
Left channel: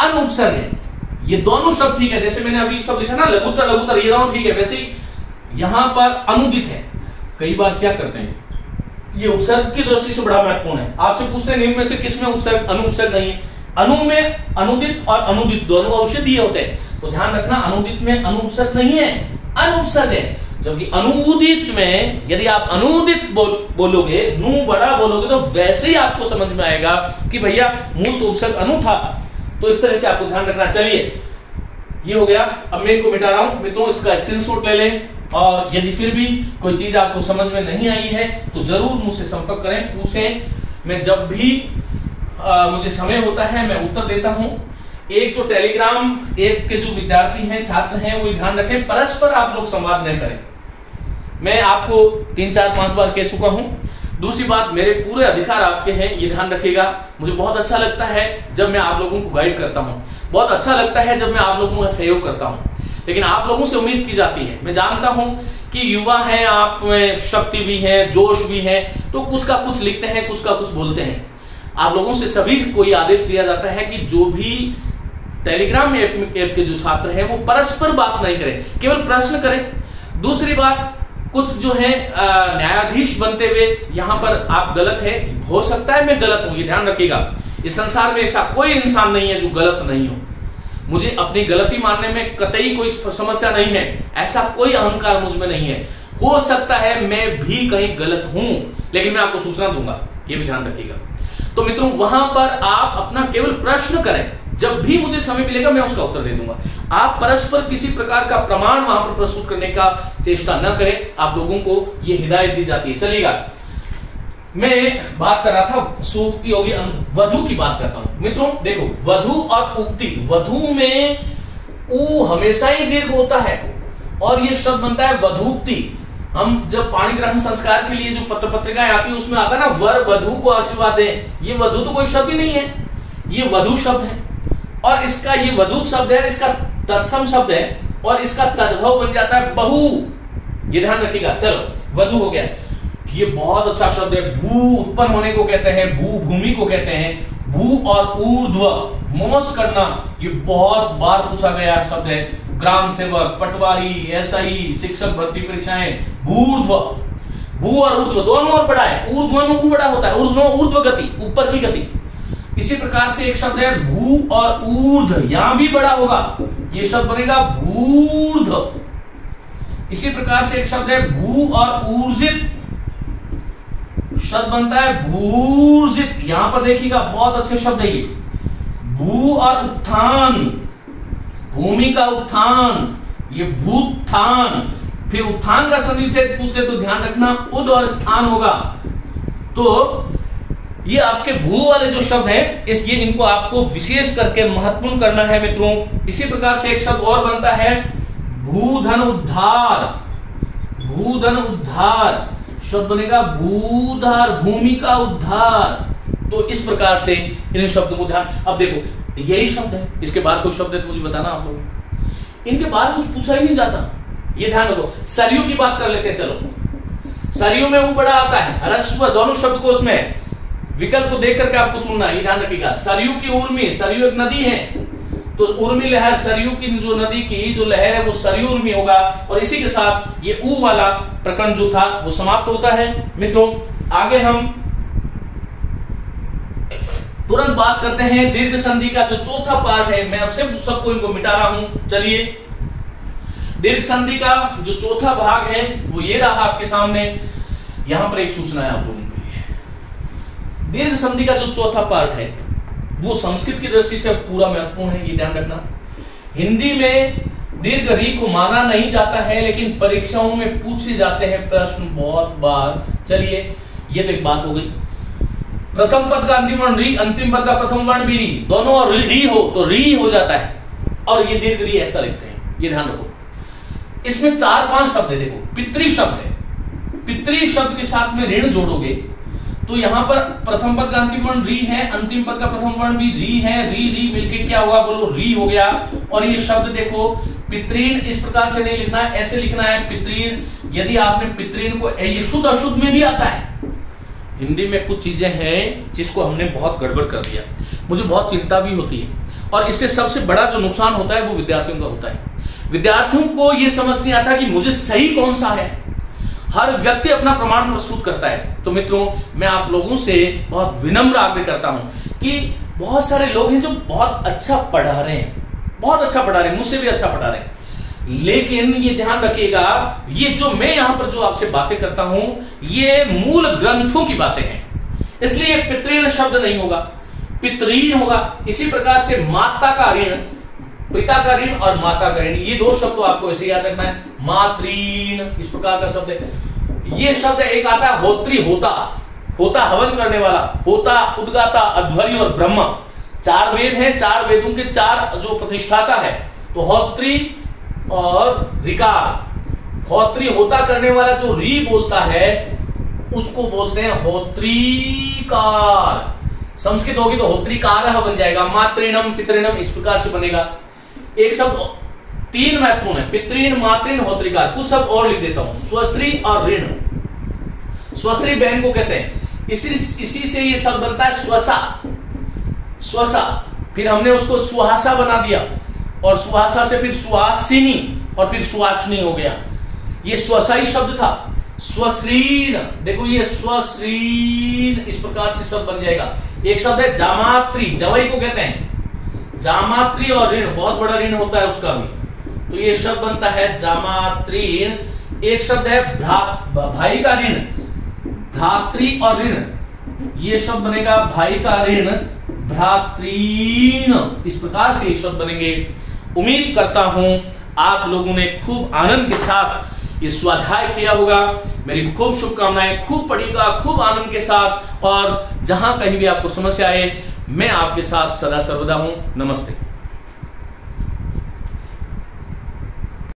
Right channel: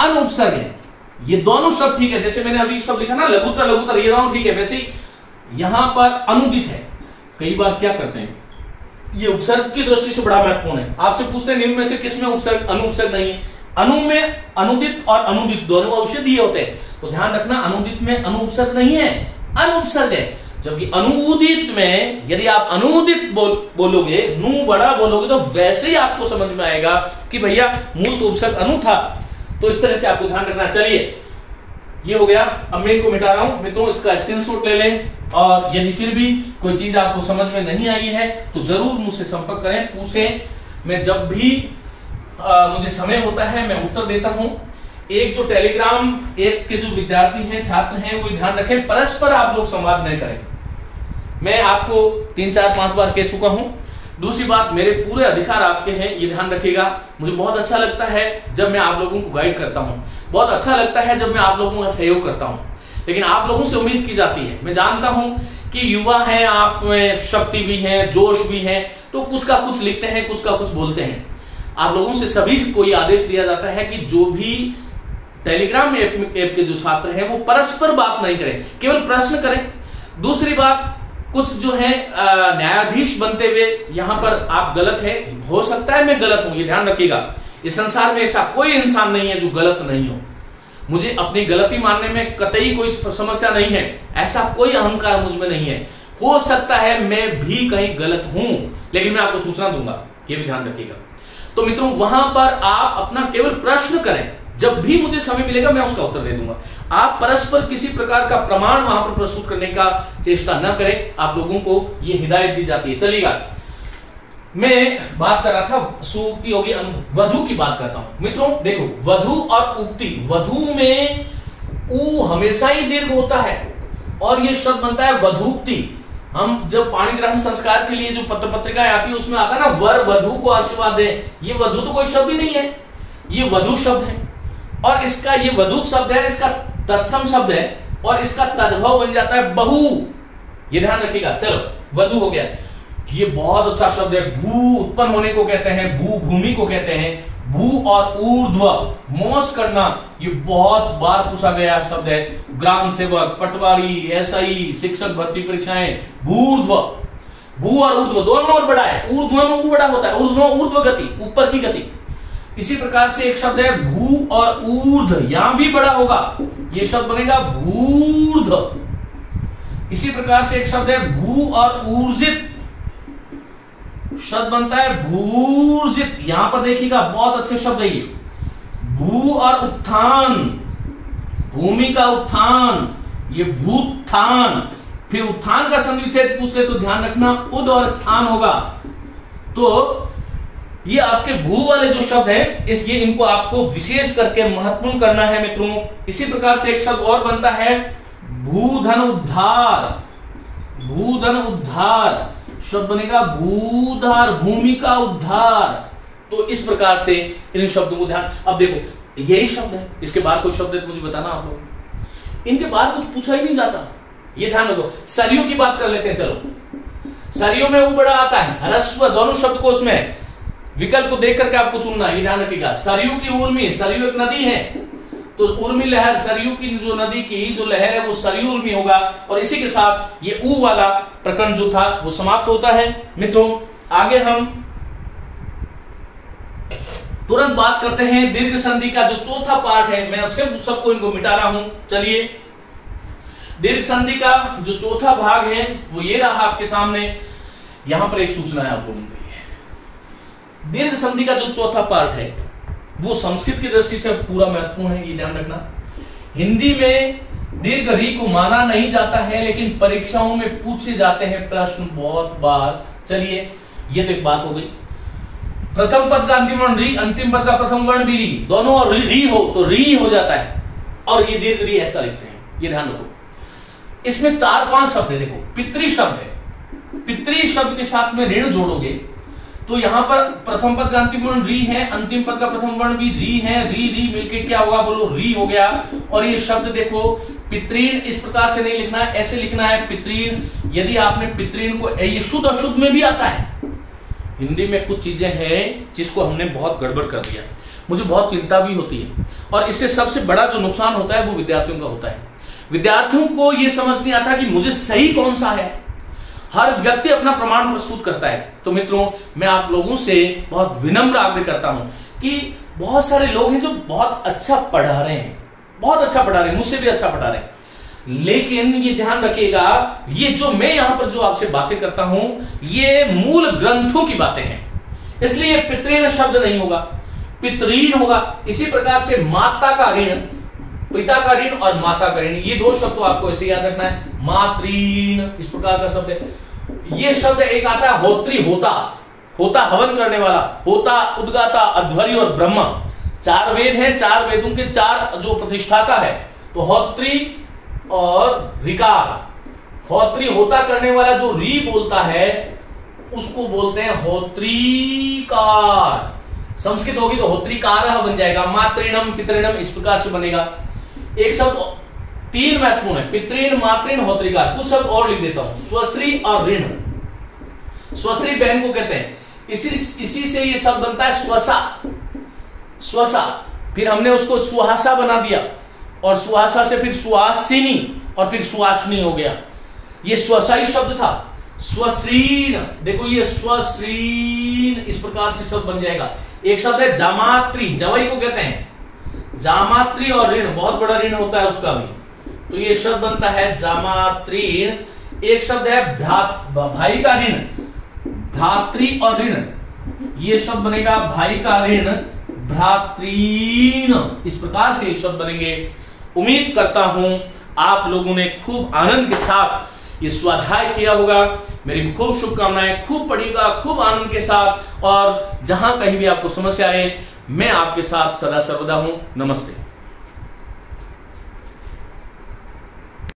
अन उपसर्ग है, ये दोनों शब्द ठीक है। जैसे मैंने अभी शब्द लिखा ना लघुतर ये ठीक है, वैसे यहां पर अनुदित है। कई बार क्या करते हैं, ये उपसर्ग की दृष्टि से बड़ा महत्वपूर्ण है। आपसे पूछते हैं निम्न में से किसमें उपसर्ग अनुपसर्ग नहीं है। अनु में अनुदित और अनुदित दोनों औषधि होते हैं, तो ध्यान रखना अनुदित में अनुपसर्ग नहीं है, अनुपसर्ग है। जबकि अनुदित में यदि आप अनुदित बोलोगे, नु बड़ा बोलोगे, तो वैसे ही आपको समझ में आएगा कि भैया मूल तो उपसर्ग अनु था। तो इस तरह से आपको ध्यान रखना। चलिए ये हो गया, अब मैं इनको मिटा रहा हूं मित्रों, इसका स्क्रीनशॉट ले लें और यदि फिर भी कोई चीज आपको समझ में नहीं आई है तो जरूर मुझसे संपर्क करें, पूछें। मैं जब भी मुझे समय होता है मैं उत्तर देता हूं। एक जो टेलीग्राम ऐप के जो विद्यार्थी हैं, छात्र हैं, वो ध्यान रखें, परस्पर आप लोग संवाद नहीं करें। मैं आपको 3, 4, 5 बार कह चुका हूं। दूसरी बात, मेरे पूरे अधिकार आपके हैं, ये ध्यान रखिएगा। मुझे बहुत अच्छा लगता है जब मैं आप लोगों को गाइड करता हूं, बहुत अच्छा लगता है जब मैं आप लोगों का सहयोग करता हूं, लेकिन आप लोगों से उम्मीद की जाती है। मैं जानता हूं कि युवा हैं, आप में शक्ति भी है, जोश भी है, तो कुछ का कुछ लिखते हैं, कुछ का कुछ बोलते हैं। आप लोगों से सभी को ये आदेश दिया जाता है कि जो भी टेलीग्राम ऐप के जो छात्र हैं वो परस्पर बात नहीं करें, केवल प्रश्न करें। दूसरी बात, कुछ जो है न्यायाधीश बनते हुए यहां पर आप गलत है, हो सकता है मैं गलत हूं, ये ध्यान रखिएगा। इस संसार में ऐसा कोई इंसान नहीं है जो गलत नहीं हो। मुझे अपनी गलती मानने में कतई कोई समस्या नहीं है, ऐसा कोई अहंकार मुझ में नहीं है। हो सकता है मैं भी कहीं गलत हूं, लेकिन मैं आपको सूचना दूंगा, ये भी ध्यान रखिएगा। तो मित्रों वहां पर आप अपना केवल प्रश्न करें, जब भी मुझे समय मिलेगा मैं उसका उत्तर दे दूंगा। आप परस्पर किसी प्रकार का प्रमाण वहां पर प्रस्तुत करने का चेष्टा न करें, आप लोगों को यह हिदायत दी जाती है। चलिएगा, मैं बात कर रहा था सूक्ति होगी, वधु की बात करता हूं। मित्रों देखो, वधु और उक्ति, वधु में ऊ हमेशा ही दीर्घ होता है और यह शब्द बनता है वधूक्ति। हम जब पाणी ग्रहण संस्कार के लिए जो पत्र पत्रिकाएं आती है उसमें आता है ना, वर वधु को आशीर्वाद दे। ये वधु तो कोई शब्द ही नहीं है, ये वधु शब्द है और इसका ये वधु शब्द है, इसका तत्सम शब्द है और इसका तद्भव बन जाता है बहु। ये ध्यान रखिएगा। चलो, वधु हो गया, ये बहुत अच्छा शब्द है। भू उत्पन्न होने को कहते हैं, भू भूमि को कहते हैं। भू और ऊर्ध्व, मोस करना, ये बहुत बार पूछा गया शब्द है। ग्राम सेवक, पटवारी, एसआई, शिक्षक भर्ती परीक्षाएं, भूर्ध्व, भू और ऊर्ध्व दोनों और बड़ा है। ऊर्ध्व में ऊ बड़ा होता है, ऊर्ध्व गति, ऊपर की गति। इसी प्रकार से एक शब्द है भू और ऊर्ध्व, यहां भी बड़ा होगा, ये शब्द बनेगा भूर्ध्व। इसी प्रकार से एक शब्द है भू और ऊर्जित, शब्द बनता है भूर्जित। यहां पर देखिएगा, बहुत अच्छे शब्द है ये। भू और उत्थान, भूमि का उत्थान, ये भूत्थान। फिर उत्थान का संधिच्छेद पूछते तो ध्यान रखना उद और स्थान होगा। तो ये आपके भू वाले जो शब्द हैं, इसलिए इनको आपको विशेष करके महत्वपूर्ण करना है मित्रों। इसी प्रकार से एक शब्द और बनता है भूधन उद्धार, भूधन उद्धार शब्द बनेगा भूधार, भूमि का उद्धार। तो इस प्रकार से इन शब्दों को ध्यान, अब देखो यही शब्द है, इसके बाहर कोई शब्द है तो मुझे बताना आप लोग, इनके बाहर कुछ पूछा ही नहीं जाता, ये ध्यान रखो। सरयू की बात कर लेते हैं, चलो सरयू में ऊ बड़ा आता है, ह्रस्व दोनों शब्द को उसमें विकल्प को देख करके आपको चुनना है, ये ध्यान रखिएगा। सरयू की उर्मी, सरयू एक नदी है तो उर्मी लहर, सरयू की जो नदी की जो लहर है वो सरयू उर्मी होगा, और इसी के साथ ये ऊ वाला प्रकरण जो था वो समाप्त होता है। मित्रों आगे हम तुरंत बात करते हैं दीर्घ संधि का जो चौथा पार्ट है, मैं सिर्फ सबको इनको मिटा रहा हूं। चलिए दीर्घ संधि का जो चौथा भाग है वो ये रहा आपके सामने। यहां पर एक सूचना है आप लोगों के लिए, दीर्घ संधि का जो चौथा पार्ट है वो संस्कृत की दृष्टि से पूरा महत्वपूर्ण है, ये ध्यान रखना। हिंदी में दीर्घ री को माना नहीं जाता है, लेकिन परीक्षाओं में पूछे जाते हैं प्रश्न बहुत बार। चलिए ये तो एक बात हो गई। प्रथम पद का अंतिम वर्ण री, अंतिम पद का प्रथम वर्ण भी री, दोनों और री हो तो री हो जाता है, और ये दीर्घ री ऐसा लिखते हैं, ये ध्यान रखो। इसमें 4-5 शब्द है, देखो पितृ शब्द है, पितृ शब्द के साथ में ऋण जोड़ोगे तो यहां पर प्रथम पद का अंतिम वर्ण री है, अंतिम पद का प्रथम वर्ण भी री है, री री मिलके क्या होगा बोलो, री हो गया। और ये शब्द देखो पितृन इस प्रकार से नहीं लिखना है, ऐसे लिखना है पितृन। यदि आपने पितृन को, ये शुद्ध अशुद्ध में भी आता है, हिंदी में कुछ चीजें हैं जिसको हमने बहुत गड़बड़ कर दिया, मुझे बहुत चिंता भी होती है, और इससे सबसे बड़ा जो नुकसान होता है वो विद्यार्थियों का होता है। विद्यार्थियों को यह समझ नहीं आता कि मुझे सही कौन सा है, हर व्यक्ति अपना प्रमाण प्रस्तुत करता है। तो मित्रों मैं आप लोगों से बहुत विनम्र आग्रह करता हूं कि बहुत सारे लोग हैं जो बहुत अच्छा पढ़ा रहे हैं, बहुत अच्छा पढ़ा रहे हैं, मुझसे भी अच्छा पढ़ा रहे हैं, लेकिन ये ध्यान रखिएगा ये जो मैं यहां पर जो आपसे बातें करता हूं ये मूल ग्रंथों की बातें हैं, इसलिए पितृन शब्द नहीं होगा, पितृन होगा। इसी प्रकार से माता का ऋण, पिता का ऋण और माता का ऋण, ये दो शब्द तो आपको ऐसे याद रखना है। मातृन इस प्रकार का शब्द है। ये शब्द एक आता है होत्री, होता, होता हवन करने वाला, होता, उद्गाता, अध्वर्य और ब्रह्म, 4 वेद हैं, 4 वेदों के 4 जो प्रतिष्ठाता है, तो होत्री और ऋकार। होत्री होता करने वाला जो री बोलता है उसको बोलते हैं होत्रीकार। संस्कृत होगी तो होत्रीकार बन जाएगा, मातृणम पितृणम इस प्रकार से बनेगा। एक शब्द 3 महत्वपूर्ण है, पितृण, मातृण, होत्रीकार। कुछ शब्द और लिख देता हूं, स्वश्री और ऋण। स्वश्री बहन को कहते हैं, इसी से ये शब्द बनता है स्वसा, स्वसा, फिर हमने उसको सुहासा बना दिया, और सुहासा से फिर सुहासिनी, और फिर सुहासिनी हो गया। ये स्वसाई शब्द था। स्वश्रीन, देखो ये स्वश्रीन इस प्रकार से शब्द बन जाएगा। एक शब्द है जामात्री, जवाई को कहते हैं, जामात्री और ऋण, बहुत बड़ा ऋण होता है उसका भी, तो ये शब्द बनता है जामात्रीण। एक शब्द है भाई का ऋण, भ्रातृ और ऋण, ये शब्द बनेगा भाई का ऋण, भ्रातृण, इस प्रकार से ये शब्द बनेंगे। उम्मीद करता हूं आप लोगों ने खूब आनंद के साथ ये स्वाध्याय किया होगा। मेरी खूब शुभकामनाएं, खूब पढ़िएगा, खूब आनंद के साथ, और जहां कहीं भी आपको समस्या आए मैं आपके साथ सदा सर्वदा हूं। नमस्ते।